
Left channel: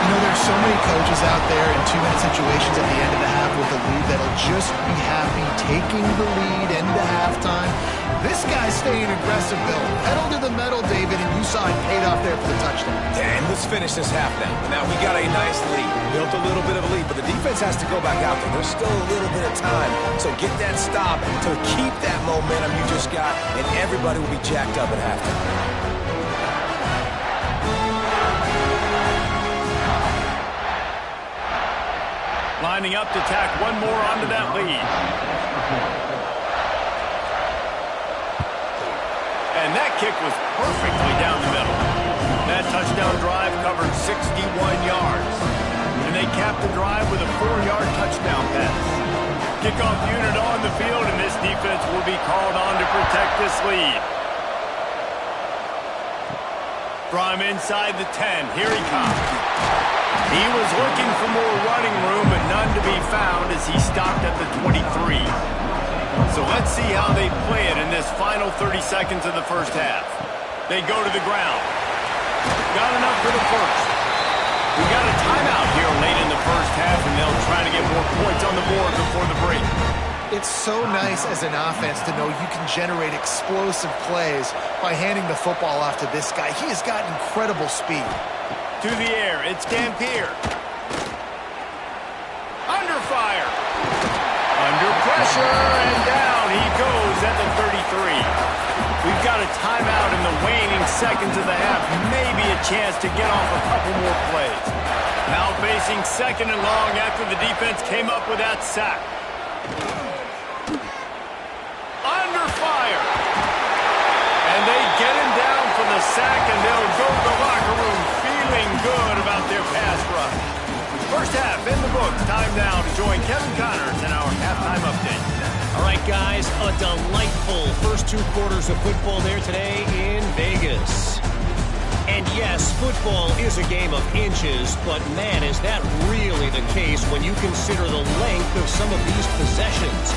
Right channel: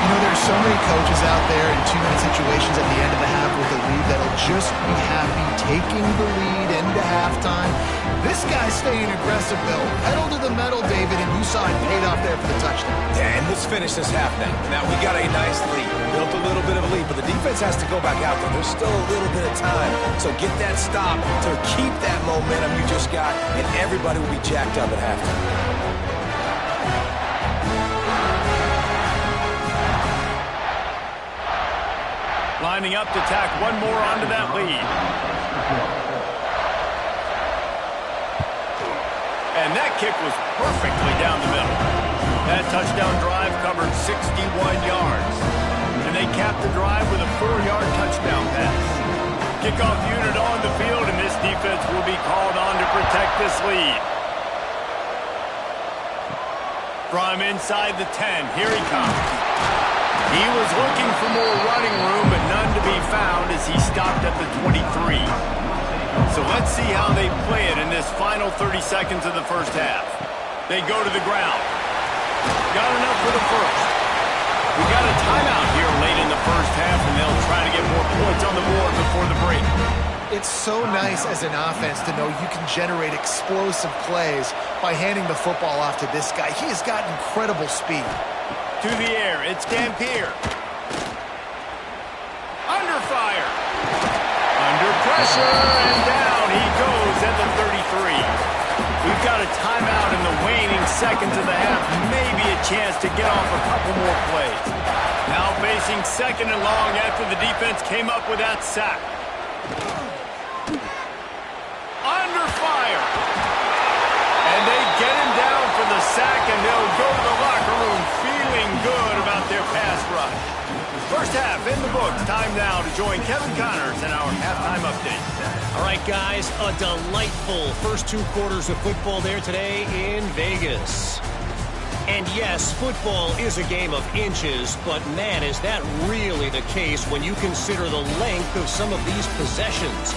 You know, there's so many coaches out there in 2-minute situations at the end of the half with a lead that'll just be happy taking the lead into halftime. This guy's staying aggressive, Bill. Pedal to the metal, David, and you saw it paid off there for the touchdown. And let's finish this half now. Now, we got a nice lead. Built a little bit of a lead, but the defense has to go back out there. There's still a little bit of time. So get that stop to keep that momentum you just got, and everybody will be jacked up at halftime. Lining up to tack one more onto that lead. And that kick was perfectly down the middle. That touchdown drive covered 61 yards. And they capped the drive with a 4-yard touchdown pass. Kickoff unit on the field, and this defense will be called on to protect this lead. From inside the 10, here he comes. He was looking for more running room, but none to be found as he stopped at the 23. So let's see how they play it in this final 30 seconds of the first half. They go to the ground. Got enough for the first. We got a timeout here late in the first half, and they'll try to get more points on the board before the break. It's so nice as an offense to know you can generate explosive plays by handing the football off to this guy. He has got incredible speed. To the air, it's Dampier. Under fire. Under pressure, and down he goes at the 33. We've got a timeout in the waning seconds of the half. Maybe a chance to get off a couple more plays. Now facing 2nd and long after the defense came up with that sack. Under fire. And they get him down for the sack, and they'll go to the locker room feeling good about their pass rush. First half in the books. Time now to join Kevin Connors in our halftime update. All right, guys, a delightful first 2 quarters of football there today in Vegas. And yes, football is a game of inches, but man, is that really the case when you consider the length of some of these possessions.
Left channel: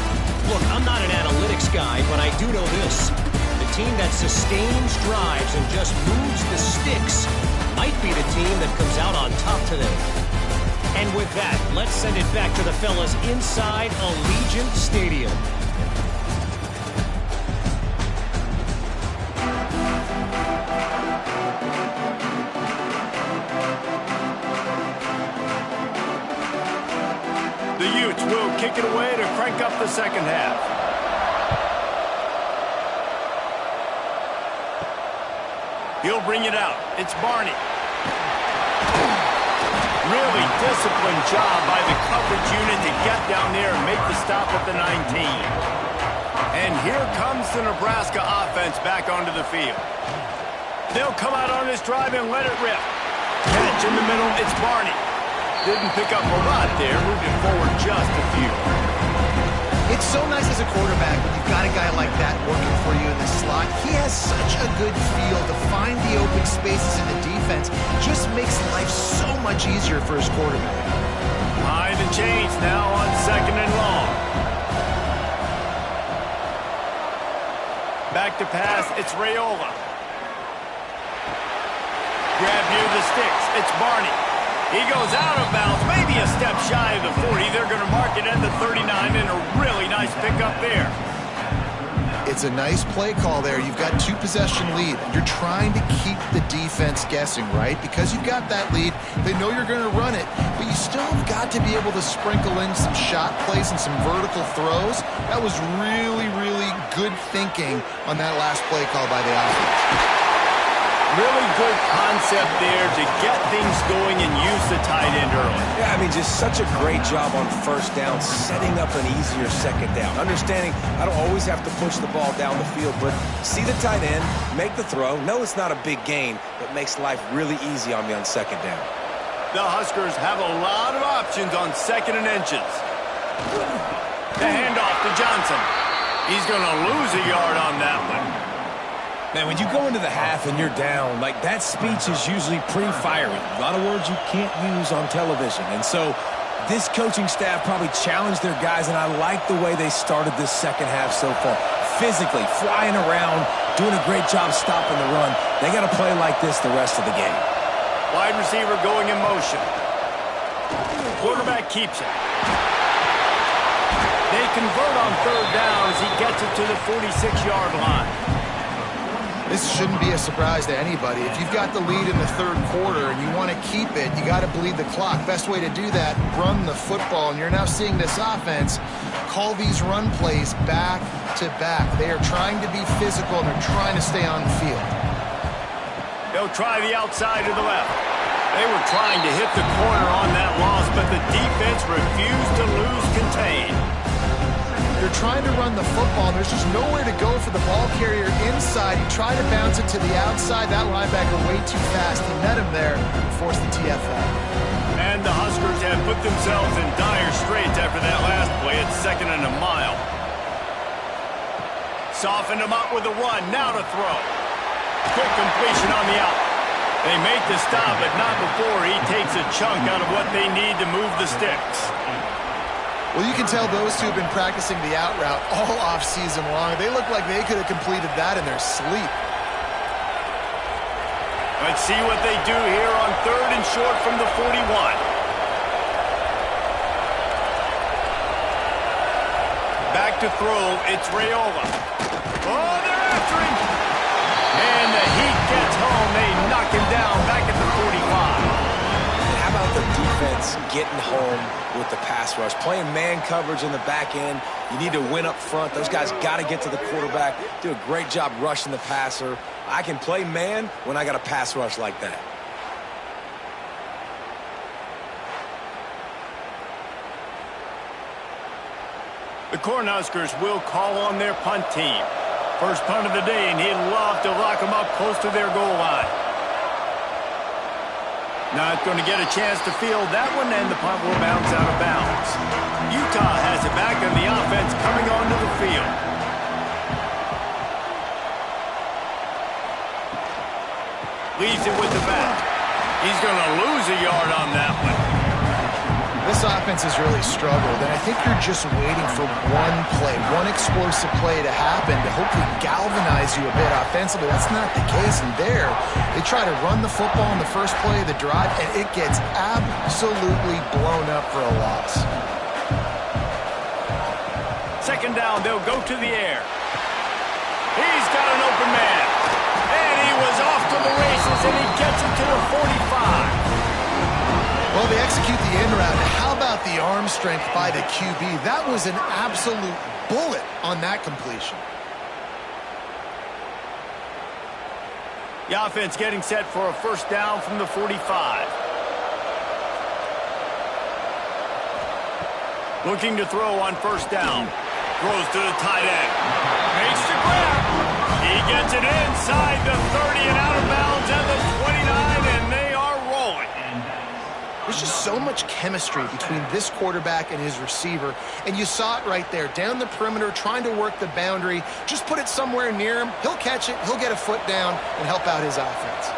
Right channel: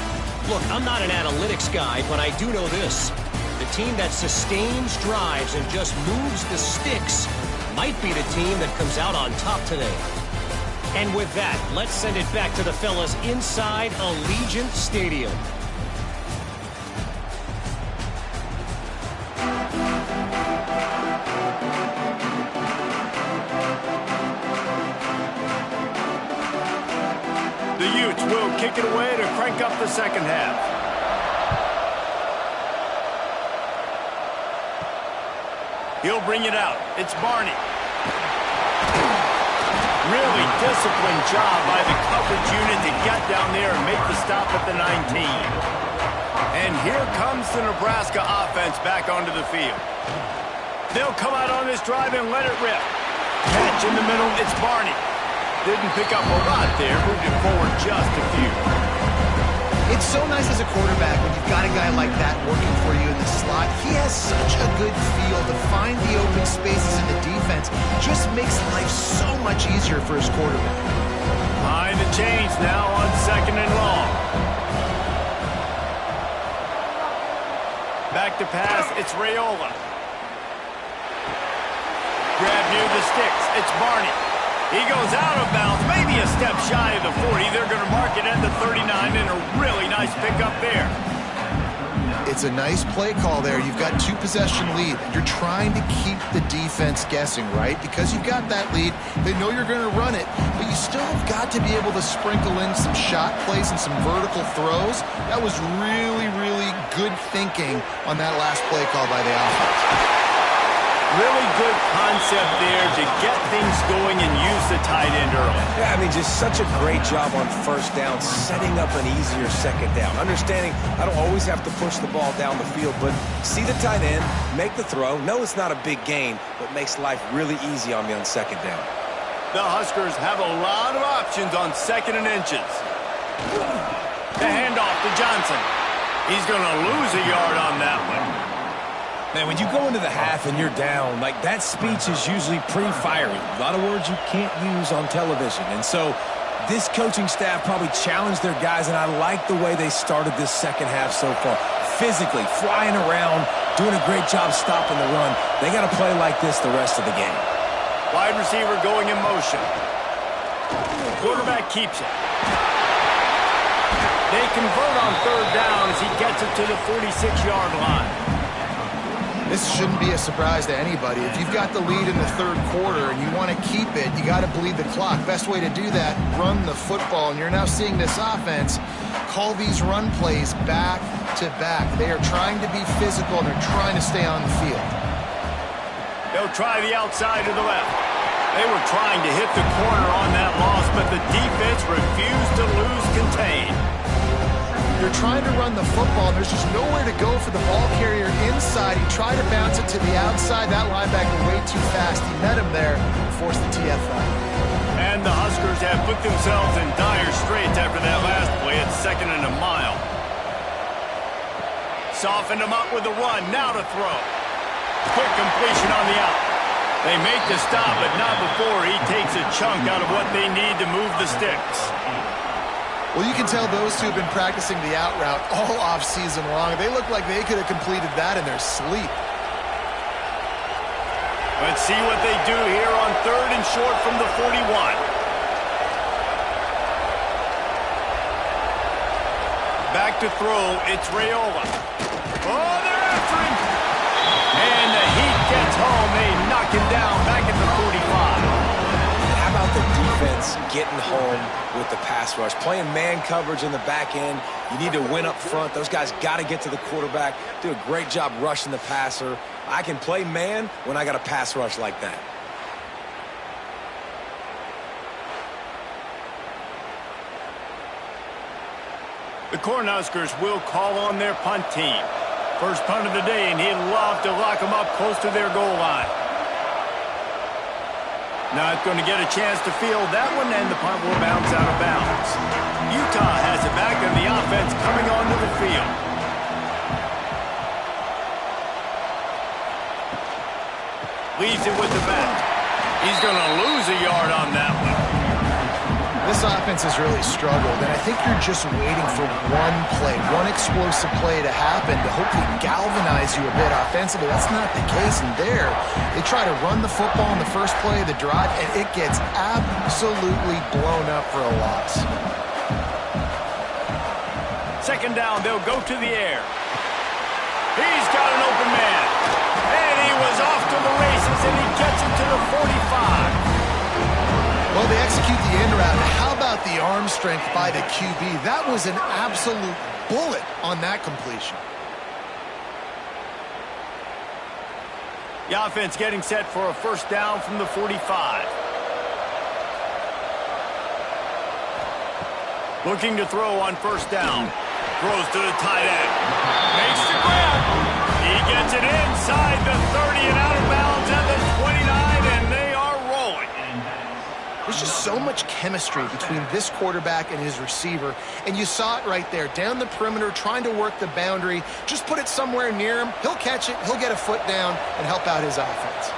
Look, I'm not an analytics guy, but I do know this. The team that sustains drives and just moves the sticks might be the team that comes out on top today. And with that, let's send it back to the fellas inside Allegiant Stadium. The Utes will kick it away to crank up the second half. He'll bring it out. It's Barney. Really disciplined job by the coverage unit to get down there and make the stop at the 19. And here comes the Nebraska offense back onto the field. They'll come out on this drive and let it rip. Catch in the middle, it's Barney. Didn't pick up a lot there, moved it forward just a few. It's so nice as a quarterback when you've got a guy like that working for you in the slot. He has such a good feel to find the open spaces in the defense. Just makes life so much easier for his quarterback. Behind the chains now on 2nd and long. Back to pass, it's Raiola. Grab near the sticks, it's Barney. He goes out of bounds, maybe a step shy of the 40. They're going to mark it at the 39, and a really nice pickup there. It's a nice play call there. You've got 2-possession lead. You're trying to keep the defense guessing, right? Because you've got that lead, they know you're going to run it, but you still have got to be able to sprinkle in some shot plays and some vertical throws. That was really, really good thinking on that last play call by the offense. Really good concept there to get things going and use the tight end early. Yeah, I mean, just such a great job on first down, setting up an easier second down. Understanding I don't always have to push the ball down the field, but see the tight end, make the throw. No, it's not a big gain, but makes life really easy on me on second down. The Huskers have a lot of options on 2nd and inches. The handoff to Johnson. He's going to lose a yard on that one. Man, when you go into the half and you're down, like that speech is usually pretty fiery. A lot of words you can't use on television. And so this coaching staff probably challenged their guys, and I like the way they started this second half so far. Physically, flying around, doing a great job stopping the run. They got to play like this the rest of the game. Wide receiver going in motion. Quarterback keeps it. They convert on 3rd down as he gets it to the 46-yard line. This shouldn't be a surprise to anybody. If you've got the lead in the 3rd quarter and you want to keep it, you got to bleed the clock. Best way to do that, run the football. And you're now seeing this offense call these run plays back to back. They are trying to be physical, and they're trying to stay on the field. They'll try the outside to the left. They were trying to hit the corner on that loss, but the defense refused to lose contain. They're trying to run the football, and there's just nowhere to go for the ball carrier inside. He tried to bounce it to the outside. That linebacker way too fast. He met him there and forced the TFL. And the Huskers have put themselves in dire straits after that last play at 2nd and a mile. Softened him up with a run. Now to throw. Quick completion on the out. They make the stop, but not before he takes a chunk out of what they need to move the sticks. Well, you can tell those two have been practicing the out route all off-season long. They look like they could have completed that in their sleep. Let's see what they do here on 3rd and short from the 41. Back to throw, it's Raiola. Oh, they're after him. And the heat gets home. They knock him down back at the 45. How about the defense getting home with the pass rush? Playing man coverage in the back end. You need to win up front. Those guys got to get to the quarterback. Do a great job rushing the passer. I can play man when I got a pass rush like that. The Cornhuskers will call on their punt team. First punt of the day, and he'd love to lock them up close to their goal line. Not going to get a chance to field that one, and the punt will bounce out of bounds. Utah has it back, and the offense coming onto the field. Leads it with the back. He's going to lose a yard on that one. This offense has really struggled, and I think you're just waiting for one play, one explosive play to happen to hopefully galvanize you a bit offensively. That's not the case, and there, they try to run the football in the first play of the drive, and it gets absolutely blown up for a loss. 2nd down, they'll go to the air. He's got an open man, and he was off to the races, and he gets it to the 45. Well, they execute the end route. How about the arm strength by the QB? That was an absolute bullet on that completion. The offense getting set for a 1st down from the 45. Looking to throw on first down. Throws to the tight end. Makes the grab. He gets it inside the 30 and out of bounds at the 29, and they are rolling. There's just so much chemistry between this quarterback and his receiver, and you saw it right there, down the perimeter, trying to work the boundary. Just put it somewhere near him. He'll catch it, he'll get a foot down, and help out his offense.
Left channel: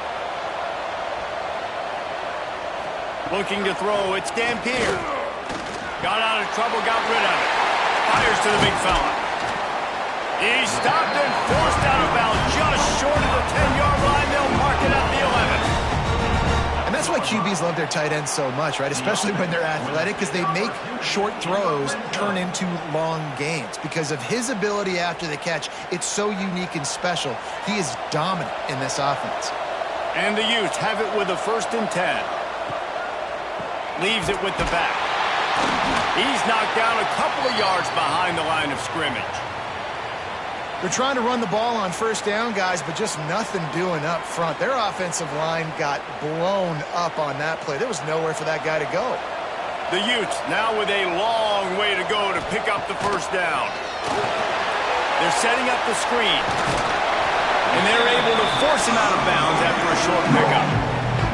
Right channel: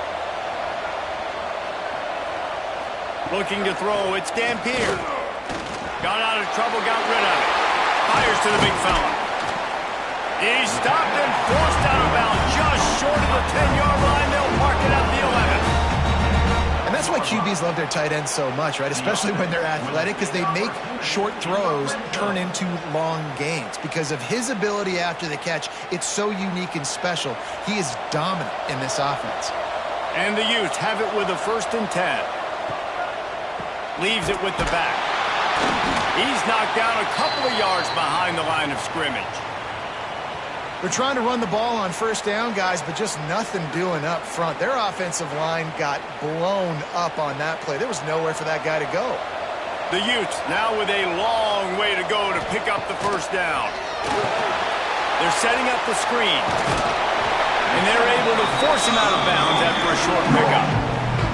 Looking to throw, it's Dampier. Got out of trouble, got rid of it. Fires to the big fella. He's stopped and forced out of bounds just short of the 10-yard line. They'll mark it at the 11. And that's why QBs love their tight ends so much, right? Especially when they're athletic, because they make short throws turn into long gains. Because of his ability after the catch, it's so unique and special. He is dominant in this offense. And the Utes have it with a 1st and 10. Leaves it with the back. He's knocked down a couple of yards behind the line of scrimmage. They're trying to run the ball on first down, guys, but just nothing doing up front. Their offensive line got blown up on that play. There was nowhere for that guy to go. The Utes now with a long way to go to pick up the first down. They're setting up the screen. And they're able to force him out of bounds after a short pickup.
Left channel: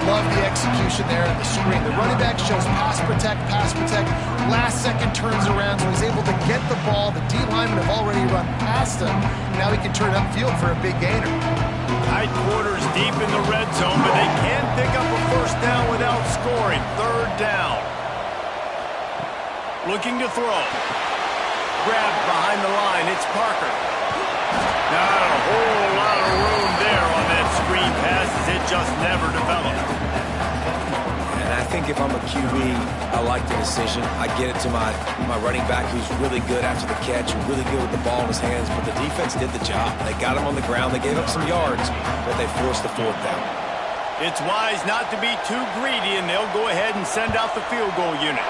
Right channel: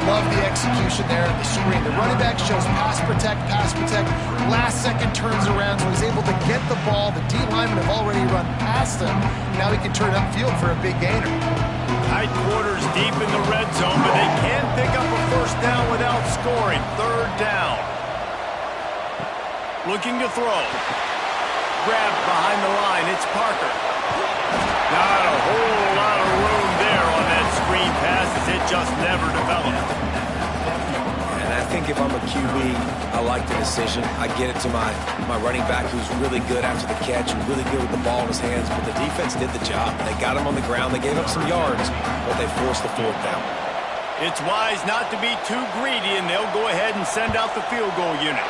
Love the execution there at the screen. The running back shows pass protect. Last second turns around, so he's able to get the ball. The D linemen have already run past him. Now he can turn upfield for a big gainer. Tight quarters deep in the red zone, but they can pick up a first down without scoring. 3rd down. Looking to throw. Grabbed behind the line. It's Parker. Not a whole lot of room there on that screen pass as it just never developed. And I think if I'm a QB, I like the decision. I get it to my running back who's really good after the catch and really good with the ball in his hands, but the defense did the job. They got him on the ground. They gave up some yards, but they forced the 4th down. It's wise not to be too greedy, and they'll go ahead and send out the field goal unit.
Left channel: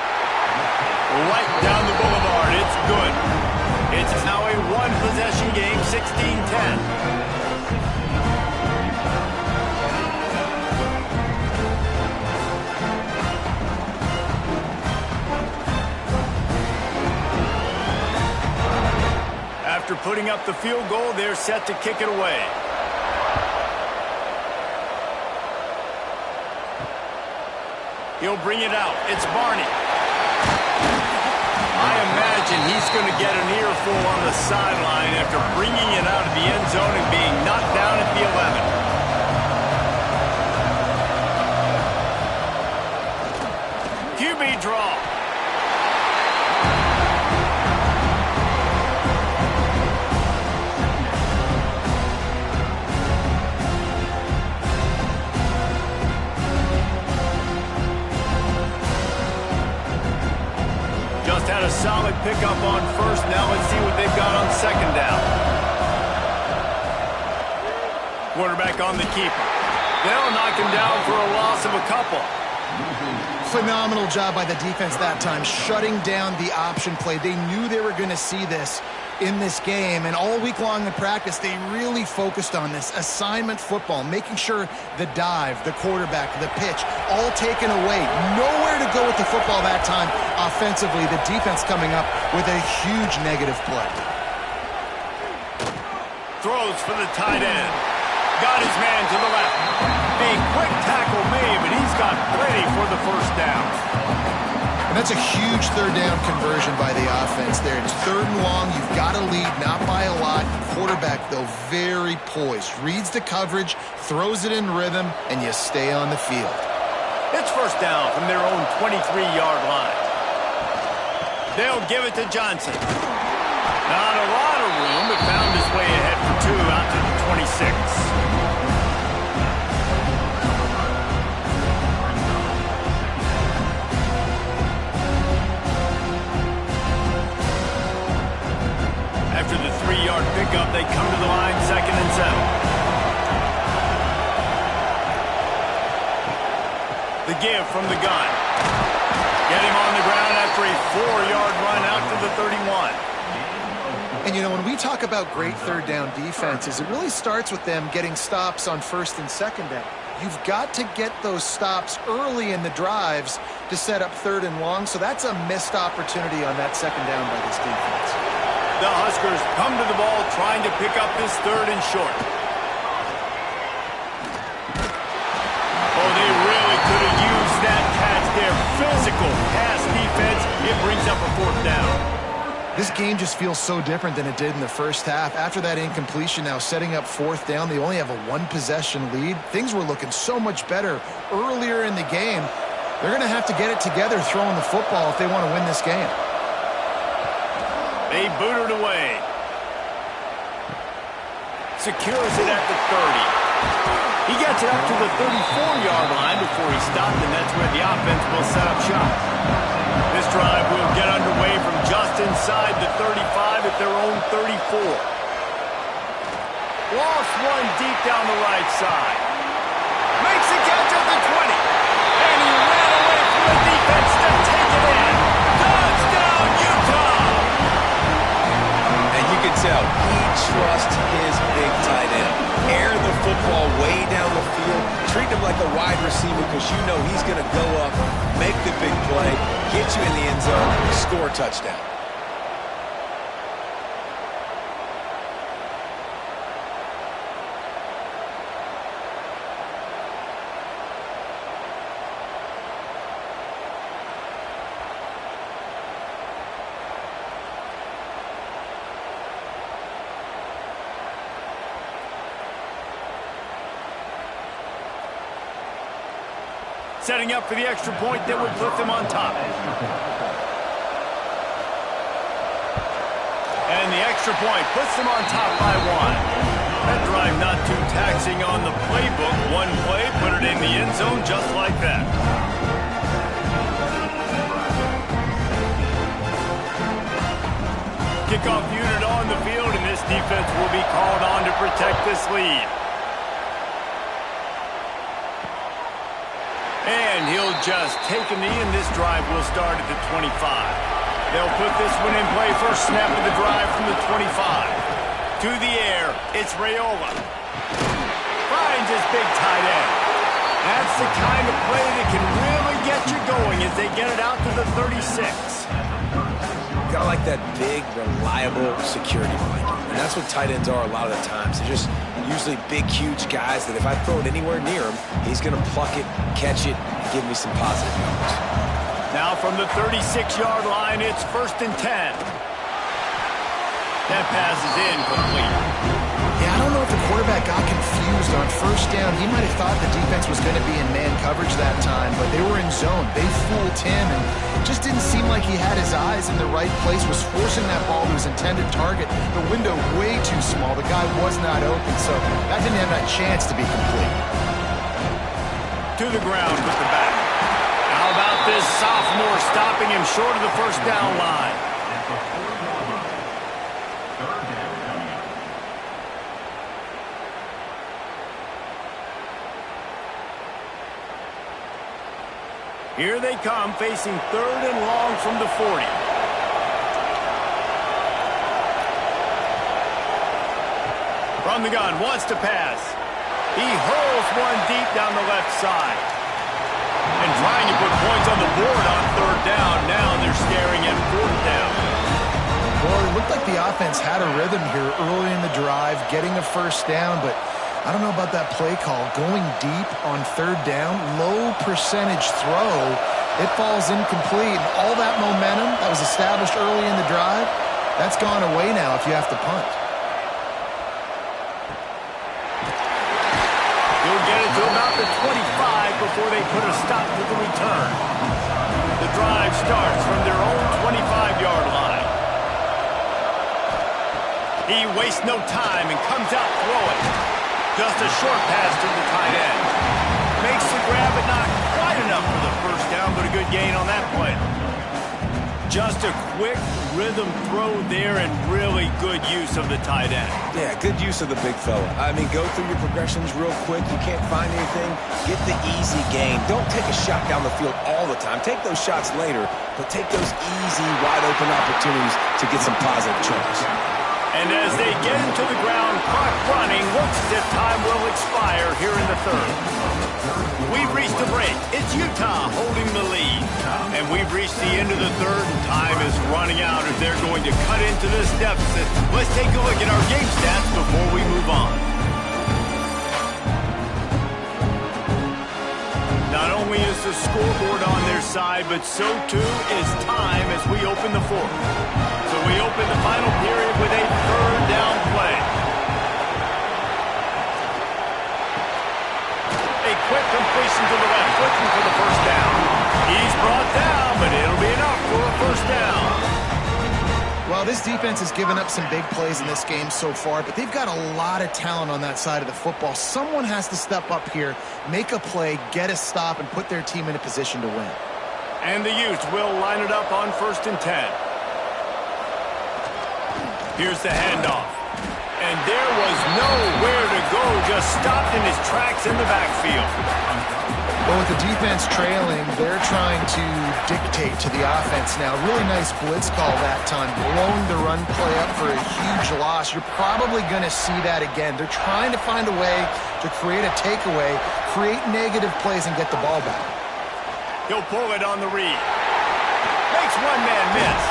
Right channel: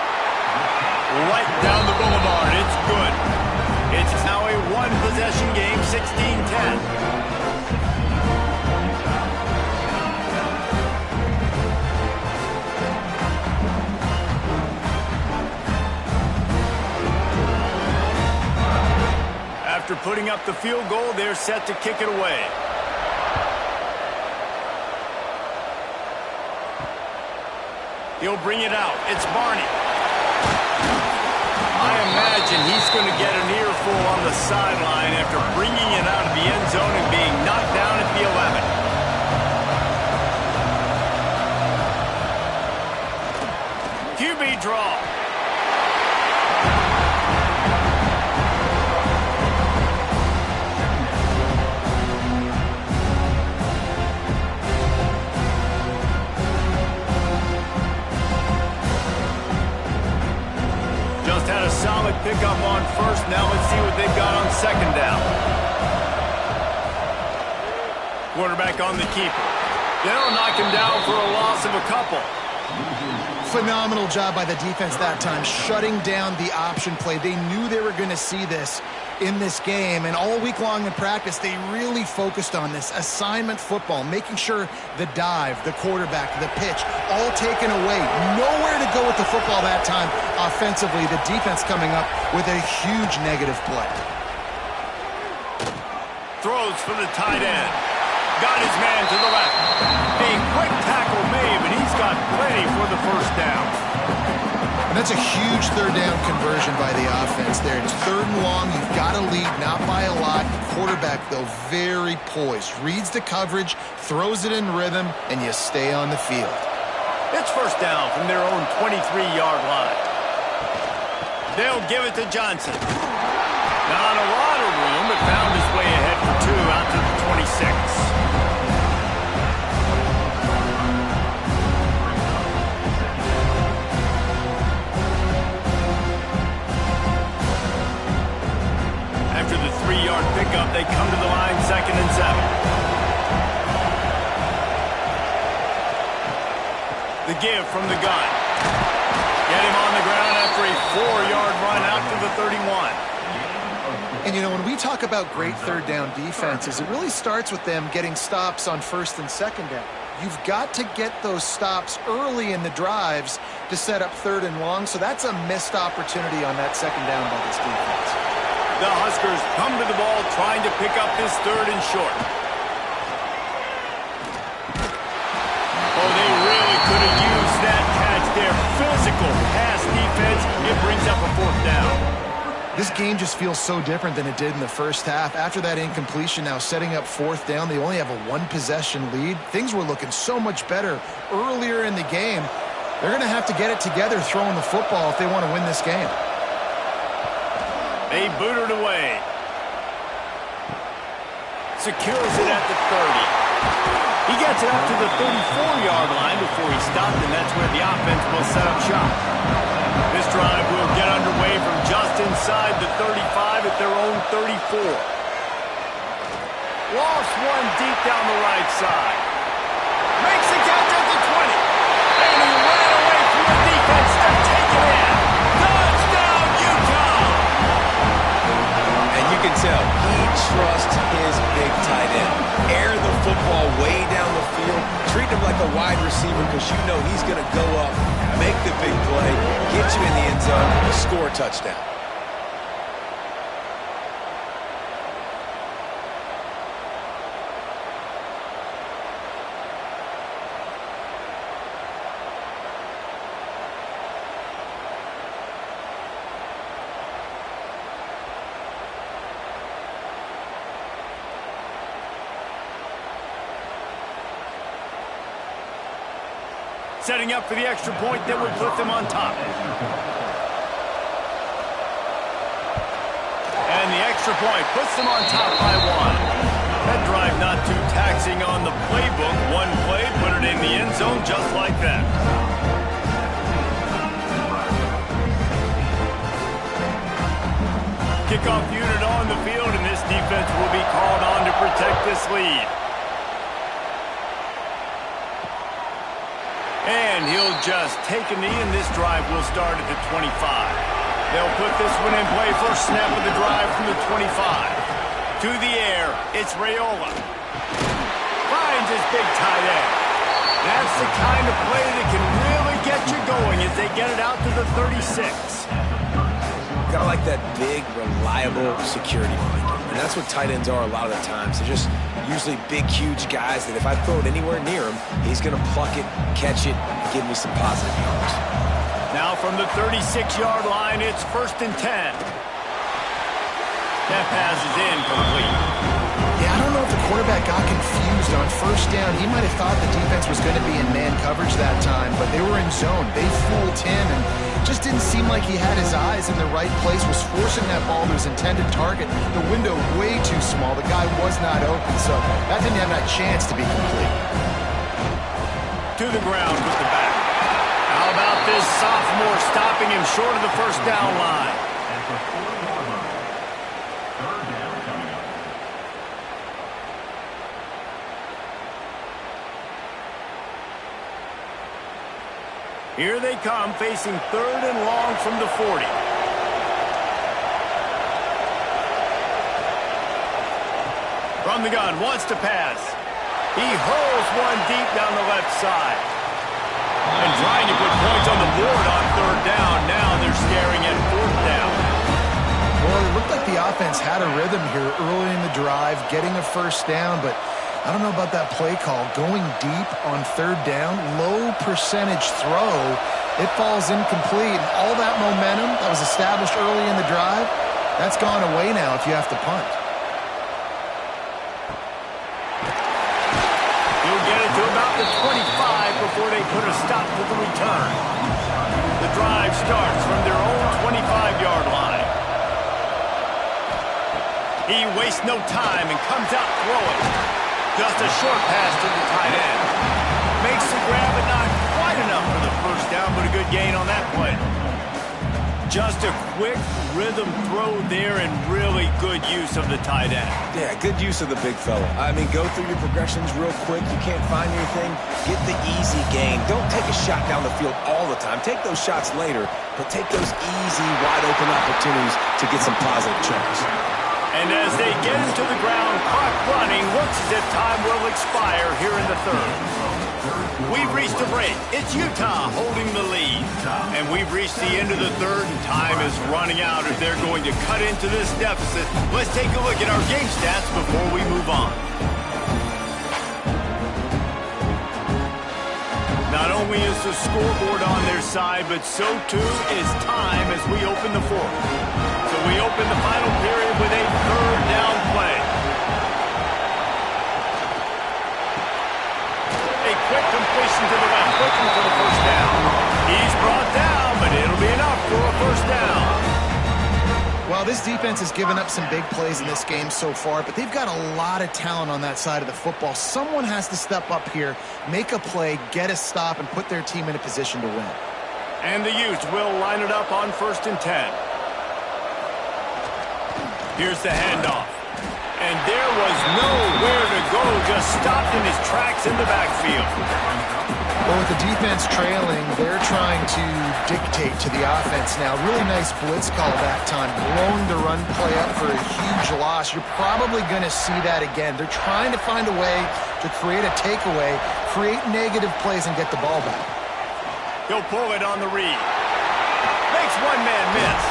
Right down the boulevard. It's good. It's now a one-possession game, 16-10. After putting up the field goal, they're set to kick it away. He'll bring it out. It's Barney. I imagine he's going to get an earful on the sideline after bringing it out of the end zone and being knocked down at the 11. QB draw. Just had a solid pickup on first. Now let's see what they've got on 2nd down. Quarterback on the keeper. They'll knock him down for a loss of a couple. Phenomenal job by the defense that time, shutting down the option play. They knew they were going to see this in this game, and all week long in practice, they really focused on this assignment football, making sure the dive, the quarterback, the pitch, all taken away. Nowhere to go with the football that time offensively. The defense coming up with a huge negative play. Throws for the tight end. Got his man to the left. A quick tackle made, but he's got plenty for the first down. And that's a huge 3rd down conversion by the offense there. It's 3rd and long. You've got to lead, not by a lot. Quarterback, though, very poised. Reads the coverage, throws it in rhythm, and you stay on the field. It's first down from their own 23-yard line. They'll give it to Johnson. Not a lot of room, but found his way ahead for 2 out to the 26. After the 3-yard pickup, they come to the line, 2nd and 7. The give from the gun. Get him on the ground after a 4-yard run out to the 31. And, you know, when we talk about great 3rd down defenses, it really starts with them getting stops on 1st and 2nd down. You've got to get those stops early in the drives to set up 3rd and long, so that's a missed opportunity on that 2nd down by this defense. The Huskers come to the ball trying to pick up this 3rd and short. Oh, they really could have used that catch there. Physical pass defense. It brings up a 4th down. This game just feels so different than it did in the first half. After that incompletion, now setting up 4th down, they only have a 1-possession lead. Things were looking so much better earlier in the game. They're going to have to get it together throwing the football if they want to win this game. They boot it away. Secures it at the 30. He gets it up to the 34-yard line before he stopped, and that's where the offense will set up shop. This drive will get underway from just inside the 35 at their own 34. Lost one deep down the right side. Makes the catch at the 20. And he ran away from the defense to take it in. Touchdown, Utah! And you can tell he trusts his big tight end. Air the football way down the field. Treat him like a wide receiver because you know he's going to go up, make the big play, get you in the end zone, score a touchdown. Setting up for the extra point that would put them on top. And the extra point puts them on top by 1. That drive not too taxing on the playbook. One play, put it in the end zone just like that. Kickoff unit on the field, and this defense will be called on to protect this lead. And he'll just take a knee, and this drive will start at the 25. They'll put this one in play. First snap of the drive from the 25. To the air, it's Raiola. Finds his big tight end. That's the kind of play that can really get you going as they get it out to the 36. Got like that big, reliable security blanket. And that's what tight ends are a lot of the times. They're just usually big, huge guys that if I throw it anywhere near him, he's going to pluck it, catch it, and give me some positive yards. Now from the 36-yard line, it's 1st and 10. That pass is incomplete. Yeah, I don't know if the quarterback got confused on 1st down. He might have thought the defense was going to be in man coverage that time, but they were in zone. They fooled him, and just didn't seem like he had his eyes in the right place, was forcing that ball to his intended target. The window way too small. The guy was not open, so that didn't have that chance to be complete. To the ground with the back. How about this sophomore stopping him short of the 1st down line? Here they come, facing 3rd and long from the 40. From the gun, wants to pass. He hurls one deep down the left side. And trying to put points on the board on 3rd down. Now they're staring at 4th down. Well, it looked like the offense had a rhythm here early in the drive, getting a 1st down, but I don't know about that play call. Going deep on 3rd down, low percentage throw, it falls incomplete. And all that momentum that was established early in the drive, that's gone away now if you have to punt. He'll get it to about the 25 before they put a stop to the return. The drive starts from their own 25-yard line. He wastes no time and comes out throwing. Just a short pass to the tight end. Makes the grab, but not quite enough for the 1st down, but a good gain on that play. Just a quick rhythm throw there and really good use of the tight end. Yeah, good use of the big fella. I mean, go through your progressions real quick. You can't find anything. Get the easy gain. Don't take a shot down the field all the time. Take those shots later, but take those easy, wide-open opportunities to get some positive chunks. And as they get into the ground, clock running, looks as if time will expire here in the third. We've reached a break. It's Utah holding the lead. And we've reached the end of the third, and time is running out as they're going to cut into this deficit. Let's take a look at our game stats before we move on. Not only is the scoreboard on their side, but so too is time as we open the fourth. So we open the final period with a third down play. A quick completion to the left, looking for the first down. He's brought down, but it'll be enough for a first down. Well, this defense has given up some big plays in this game so far, but they've got a lot of talent on that side of the football. Someone has to step up here, make a play, get a stop, and put their team in a position to win. And the Utes will line it up on 1st and 10. Here's the handoff. And there was nowhere to go, just stopped in his tracks in the backfield. Well, with the defense trailing, they're trying to dictate to the offense now. Really nice blitz call that time, blowing the run play up for a huge loss. You're probably going to see that again. They're trying to find a way to create a takeaway, create negative plays, and get the ball back. He'll pull it on the read. Makes one man miss.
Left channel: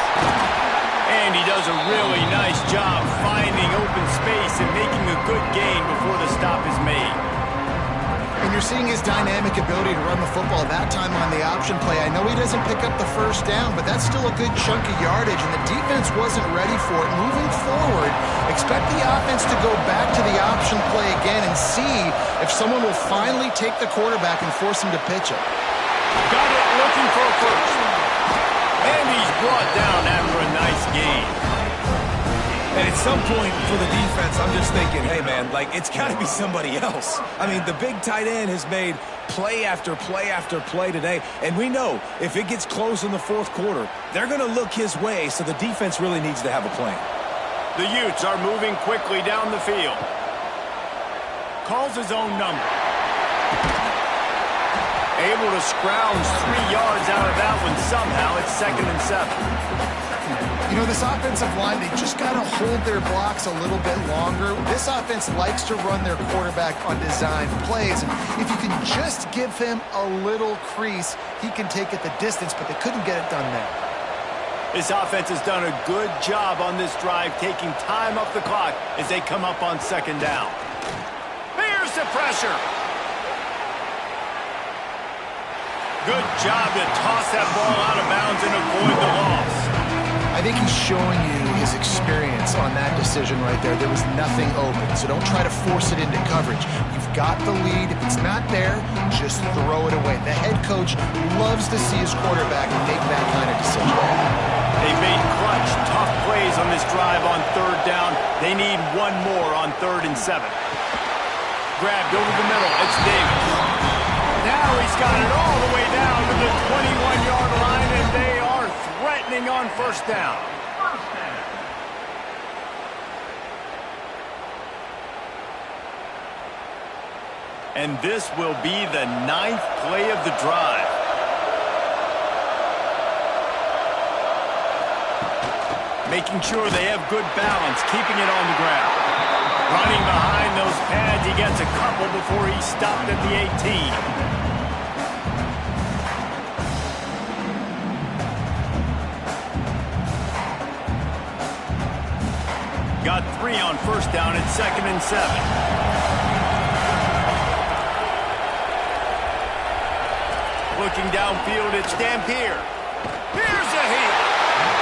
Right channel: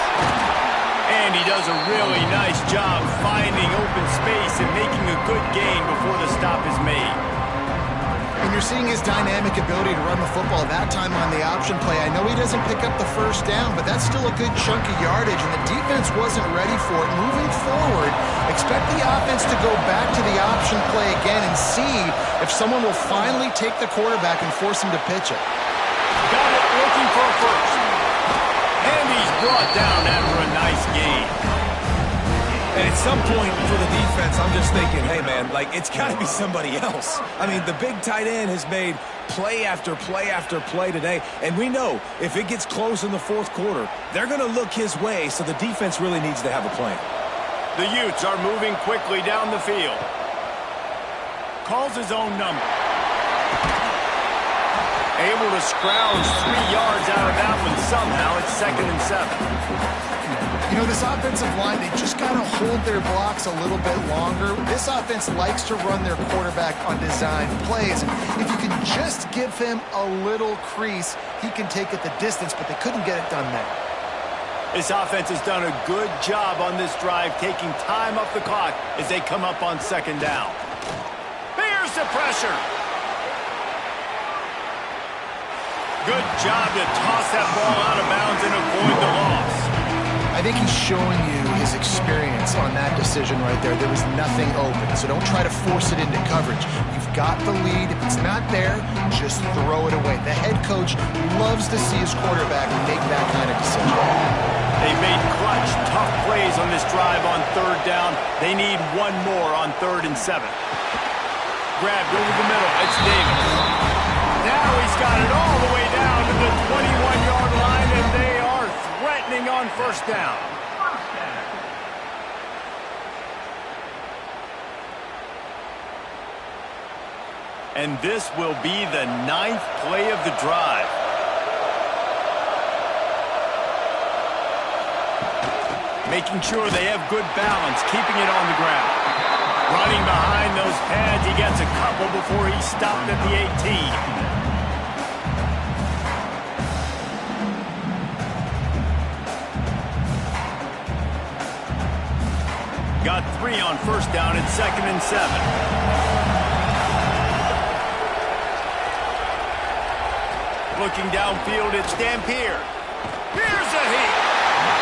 And he does a really nice job finding open space and making a good gain before the stop is made. And you're seeing his dynamic ability to run the football that time on the option play. I know he doesn't pick up the first down, but that's still a good chunk of yardage, and the defense wasn't ready for it. Moving forward, expect the offense to go back to the option play again and see if someone will finally take the quarterback and force him to pitch it. Got it, looking for a first. And he's brought down after a nice gain. And at some point for the defense, I'm just thinking, hey, man, like, it's got to be somebody else. I mean, the big tight end has made play after play after play today. And we know if it gets close in the fourth quarter, they're going to look his way, so the defense really needs to have a plan. The Utes are moving quickly down the field. Calls his own number. Able to scrounge 3 yards out of that one somehow. It's 2nd and 7. You know, this offensive line, they just got to hold their blocks a little bit longer. This offense likes to run their quarterback on design plays. And if you can just give him a little crease, he can take it the distance, but they couldn't get it done there. This offense has done a good job on this drive, taking time off the clock as they come up on 2nd down. Here's the pressure. Good job to toss that ball out of bounds and avoid the loss. I think he's showing you his experience on that decision right there. There was nothing open, so don't try to force it into coverage. You've got the lead. If it's not there, just throw it away. The head coach loves to see his quarterback make that kind of decision. They made clutch, tough plays on this drive on 3rd down. They need one more on 3rd and 7. Grabbed over the middle. It's Davis. Now he's got it all the way down to the 21-yard line, and they are threatening on 1st down. And this will be the 9th play of the drive. Making sure they have good balance, keeping it on the ground. Running behind those pads, he gets a couple before he's stopped at the 18. Got 3 on 1st down at 2nd and 7. Looking downfield, it's Dampier. Here's a heat.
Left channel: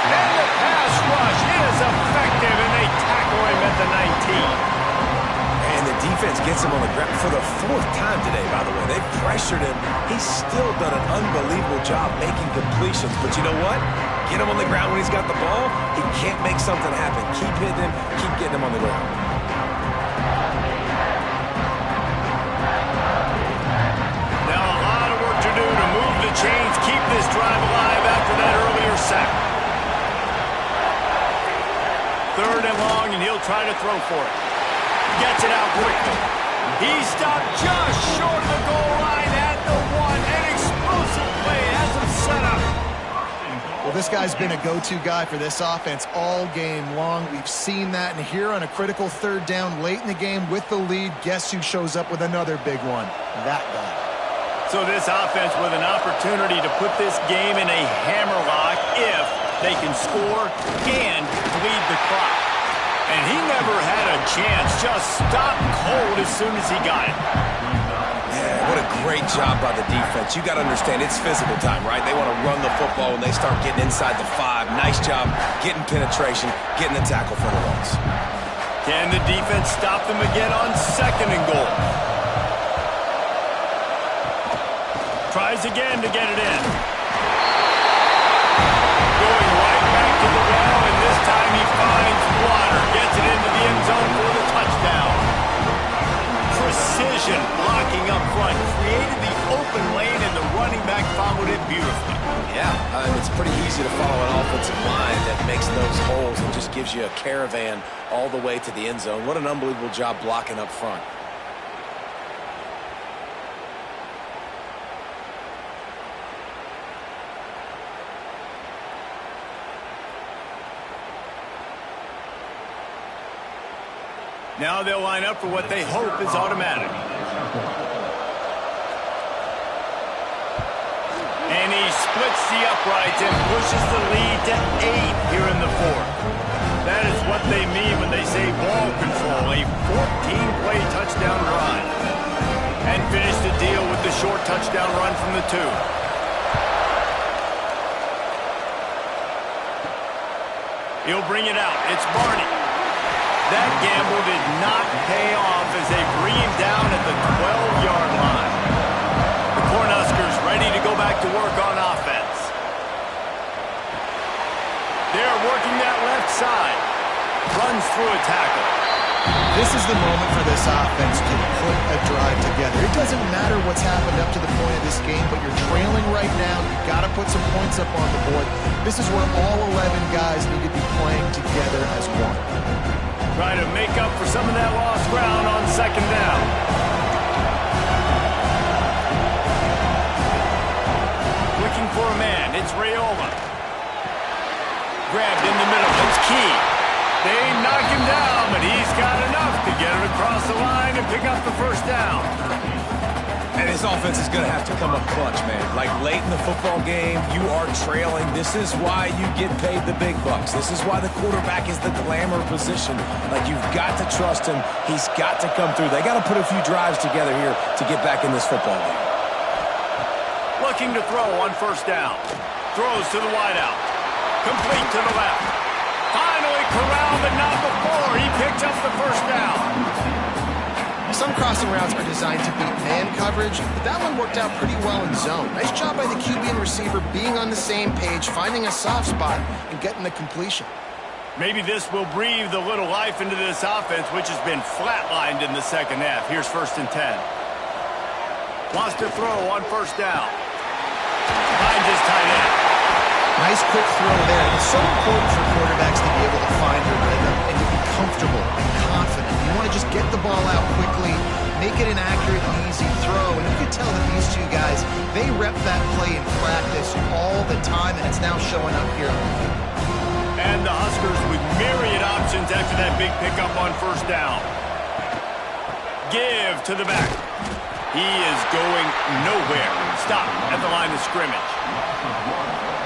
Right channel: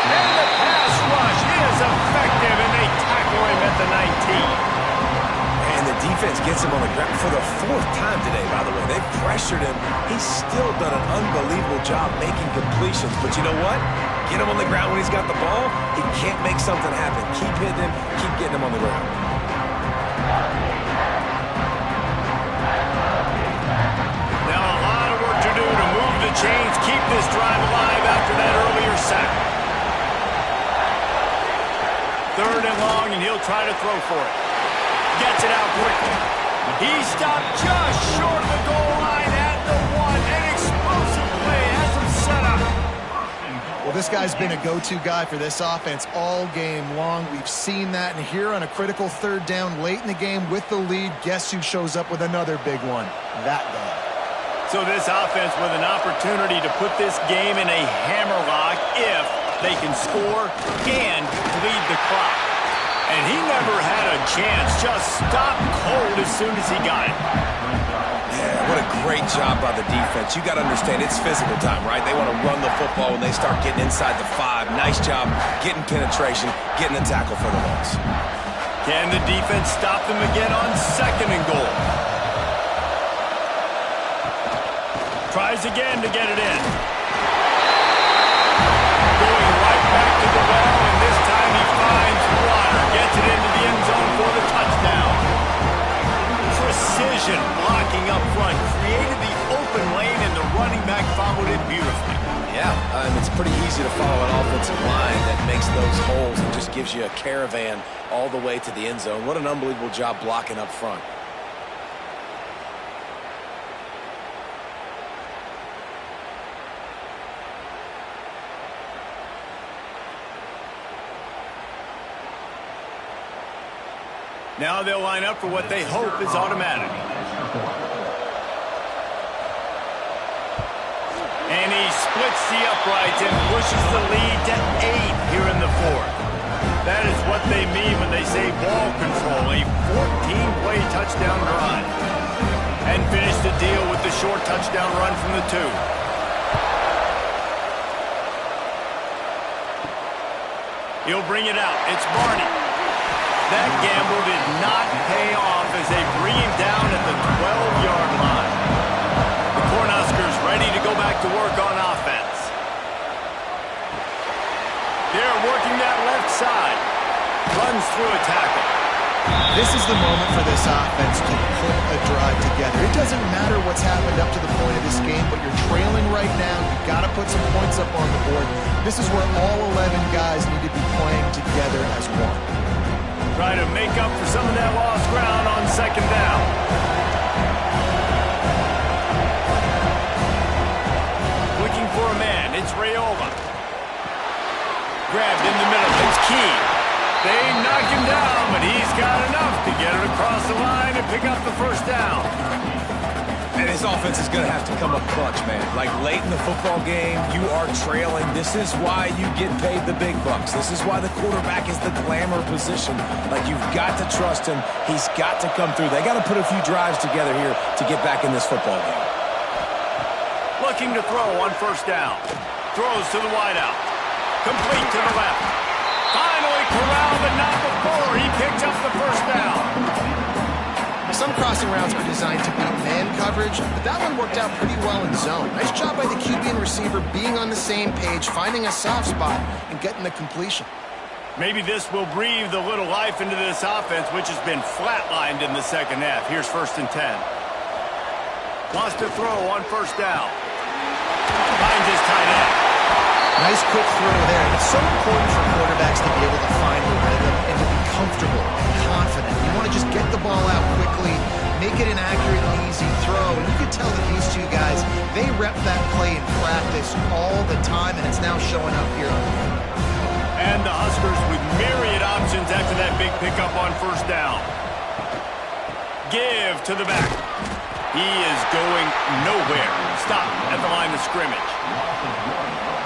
And the pass rush is effective, and they tackle him at the 19. And the defense gets him on the ground for the 4th time today, by the way. They've pressured him. He's still done an unbelievable job making completions. But you know what? Get him on the ground when he's got the ball. He can't make something happen. Keep hitting him. Keep getting him on the ground. Now a lot of work to do to move the chains, keep this drive alive after that earlier sack. 3rd and long, and he'll try to throw for it. Gets it out quickly. He stopped just short of the goal line at the 1. An explosive play has him set up. Well, this guy's been a go-to guy for this offense all game long. We've seen that, and here on a critical third down late in the game with the lead, guess who shows up with another big one? That guy. So this offense with an opportunity to put this game in a hammerlock if they can score and bleed the clock. And he never had a chance, just stopped cold as soon as he got it. Yeah, what a great job by the defense. You got to understand, it's physical time, right? They want to run the football when they start getting inside the 5. Nice job getting penetration, getting the tackle for the loss. Can the defense stop them again on 2nd and goal? Tries again to get it in. Going right back to the well, and this time he finds water. Gets it into the end zone for the touchdown. Precision blocking up front. Created the open lane, and the running back followed it beautifully. Yeah, it's pretty easy to follow an offensive line that makes those holes and just gives you a caravan all the way to the end zone. What an unbelievable job blocking up front. Now they'll line up for what they hope is automatic. And he splits the uprights and pushes the lead to 8 here in the 4th. That is what they mean when they say ball control, a 14-play touchdown drive. And finish the deal with the short touchdown run from the 2. He'll bring it out. It's Barney. That gamble did not pay off as they bring him down at the 12-yard line. The Cornhuskers ready to go back to work on offense. They're working that left side. Runs through a tackle. This is the moment for this offense to put a drive together. It doesn't matter what's happened up to the point of this game, but you're trailing right now. You've got to put some points up on the board. This is where all 11 guys need to be playing together as one. Try to make up for some of that lost ground on 2nd down. Looking for a man. It's Raiola. Grabbed in the middle. It's Key. They knock him down, but he's got enough to get it across the line and pick up the 1st down. And his offense is going to have to come up clutch, man. Like late in the football game, you are trailing. This is why you get paid the big bucks. This is why the quarterback is the glamour position. Like, you've got to trust him. He's got to come through. They got to put a few drives together here to get back in this football game. Looking to throw on 1st down. Throws to the wideout. Complete to the left. Finally corralled, but not before he picked up the 1st down. Some crossing routes are designed to beat man coverage, but that one worked out pretty well in zone. Nice job by the QB and receiver being on the same page, finding a soft spot, and getting the completion. Maybe this will breathe a little life into this offense, which has been flatlined in the 2nd half. Here's 1st and 10. Wants to throw on 1st down. Finds his tight end. Nice quick throw there. And it's so important for quarterbacks to be able to find the rhythm and to be comfortable and confident. You want to just get the ball out quickly, make it an accurate and easy throw. And you can tell that these two guys, they rep that play in practice all the time, and it's now showing up here. And the Huskers with myriad options after that big pickup on 1st down. Give to the back. He is going nowhere. Stop at the line of scrimmage.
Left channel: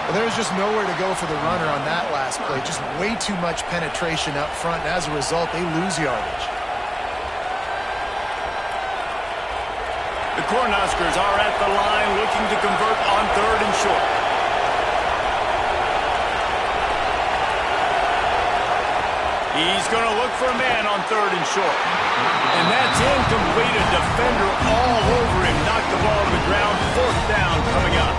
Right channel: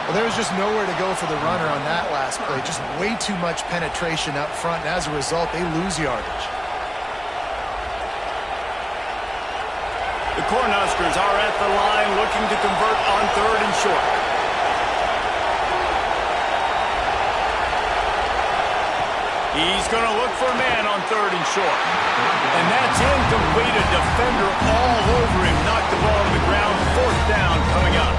Well, there was just nowhere to go for the runner on that last play. Just way too much penetration up front, and as a result, they lose yardage. The Cornhuskers are at the line looking to convert on 3rd and short. He's going to look for a man on 3rd and short. And that's incomplete. A defender all over him. Knocked the ball to the ground. 4th down coming up.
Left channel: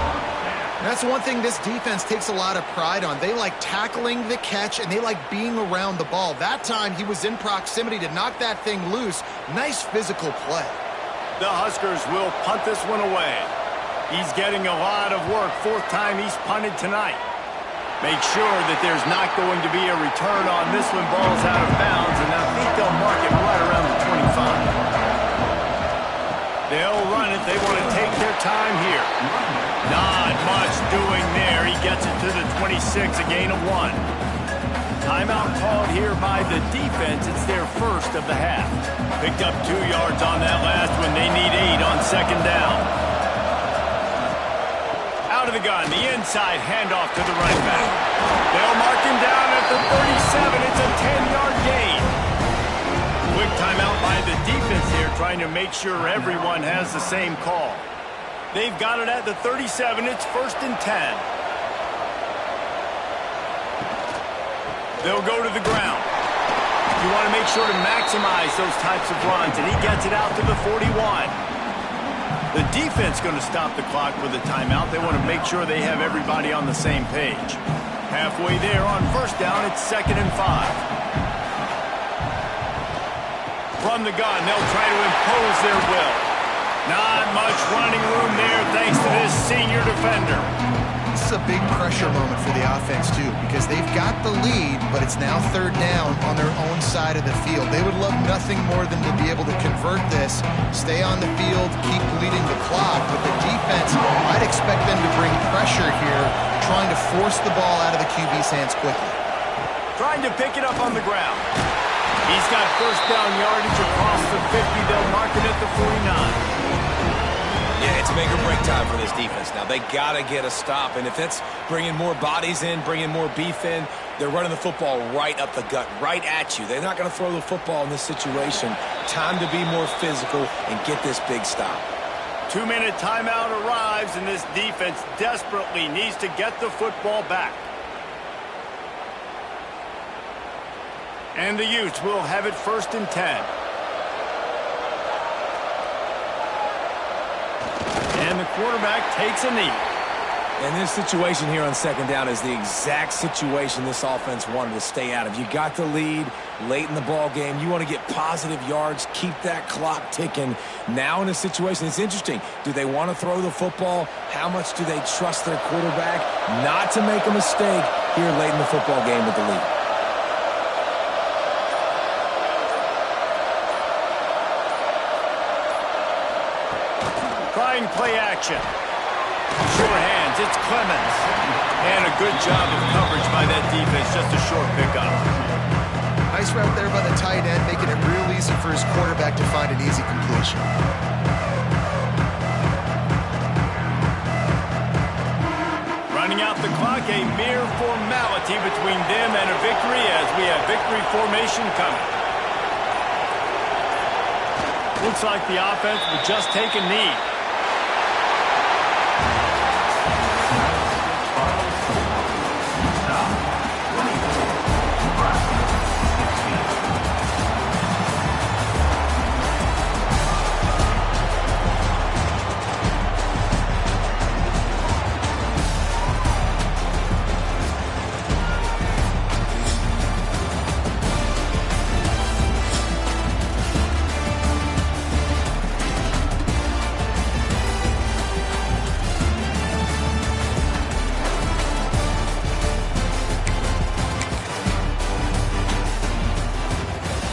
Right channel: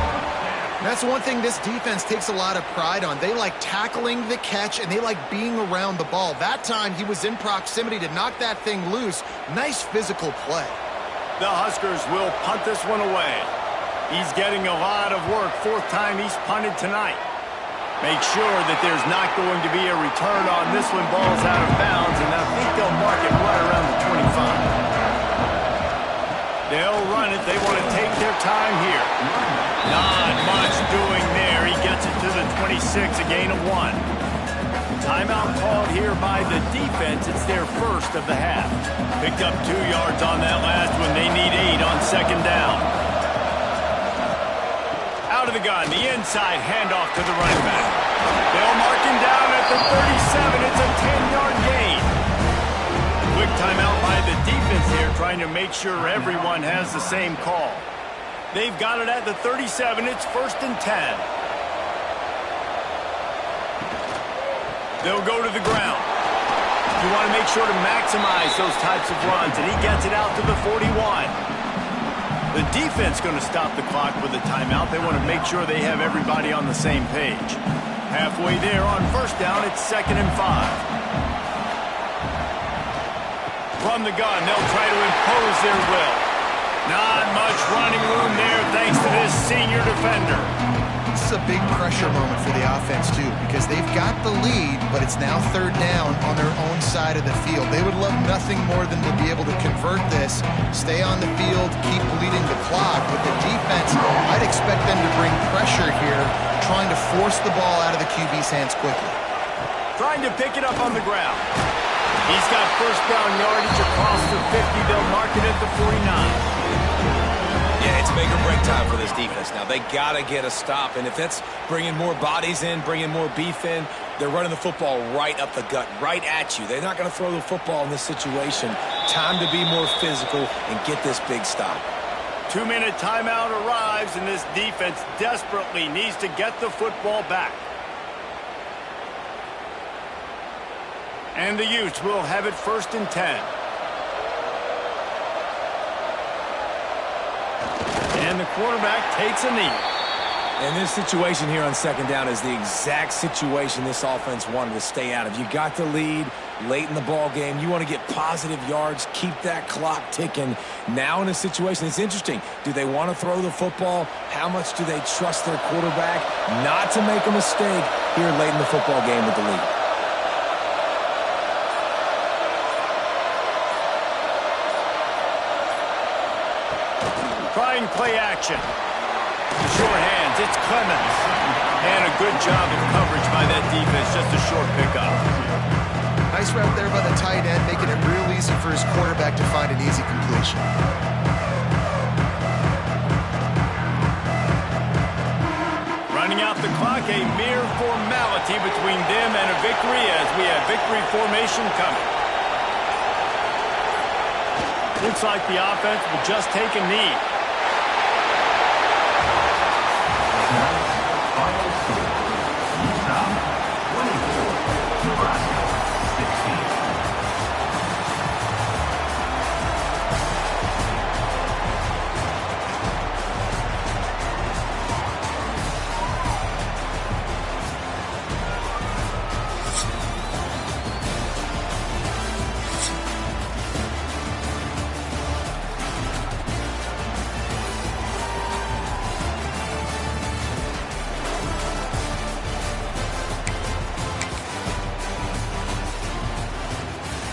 That's one thing this defense takes a lot of pride on. They like tackling the catch, and they like being around the ball. That time, he was in proximity to knock that thing loose. Nice physical play. The Huskers will punt this one away. He's getting a lot of work. 4th time he's punted tonight. Make sure that there's not going to be a return on this one. Ball's out of bounds, and I think they'll mark it right around the 25. They'll run it. They want to take their time here. Not much doing there. He gets it to the 26, a gain of 1. Timeout called here by the defense. It's their first of the half. Picked up 2 yards on that last one. They need 8 on second down. Out of the gun, the inside handoff to the running back. They'll mark him down at the 37. It's a 10-yard gain. Quick timeout by the defense here, trying to make sure everyone has the same call. They've got it at the 37. It's 1st and 10. They'll go to the ground. You want to make sure to maximize those types of runs, and he gets it out to the 41. The defense going to stop the clock with a timeout. They want to make sure they have everybody on the same page. Halfway there on first down, it's 2nd and 5. From the gun, they'll try to impose their will. Not much running room there thanks to this senior defender. This is a big pressure moment for the offense, too, because they've got the lead, but it's now 3rd down on their own side of the field. They would love nothing more than to be able to convert this, stay on the field, keep bleeding the clock. With the defense, I'd expect them to bring pressure here, trying to force the ball out of the QB's hands quickly. Trying to pick it up on the ground. He's got first down yardage across the 50. They'll mark it at the 49. Yeah, it's make or break time for this defense now. They got to get a stop, and if it's bringing more bodies in, bringing more beef in, they're running the football right up the gut, right at you. They're not going to throw the football in this situation. Time to be more physical and get this big stop. 2-minute timeout arrives, and this defense desperately needs to get the football back. And the Utes will have it 1st and 10. And the quarterback takes a knee. And this situation here on 2nd down is the exact situation this offense wanted to stay out of. You got the lead late in the ball game. You want to get positive yards, keep that clock ticking. Now in a situation, it's interesting. Do they want to throw the football? How much do they trust their quarterback not to make a mistake here late in the football game with the lead? Trying play action. Sure hands, it's Clemens. And a good job of coverage by that defense, just a short pickup. Nice route there by the tight end, making it real easy for his quarterback to find an easy completion. Running out the clock, a mere formality between them and a victory as we have victory formation coming. Looks like the offense will just take a knee.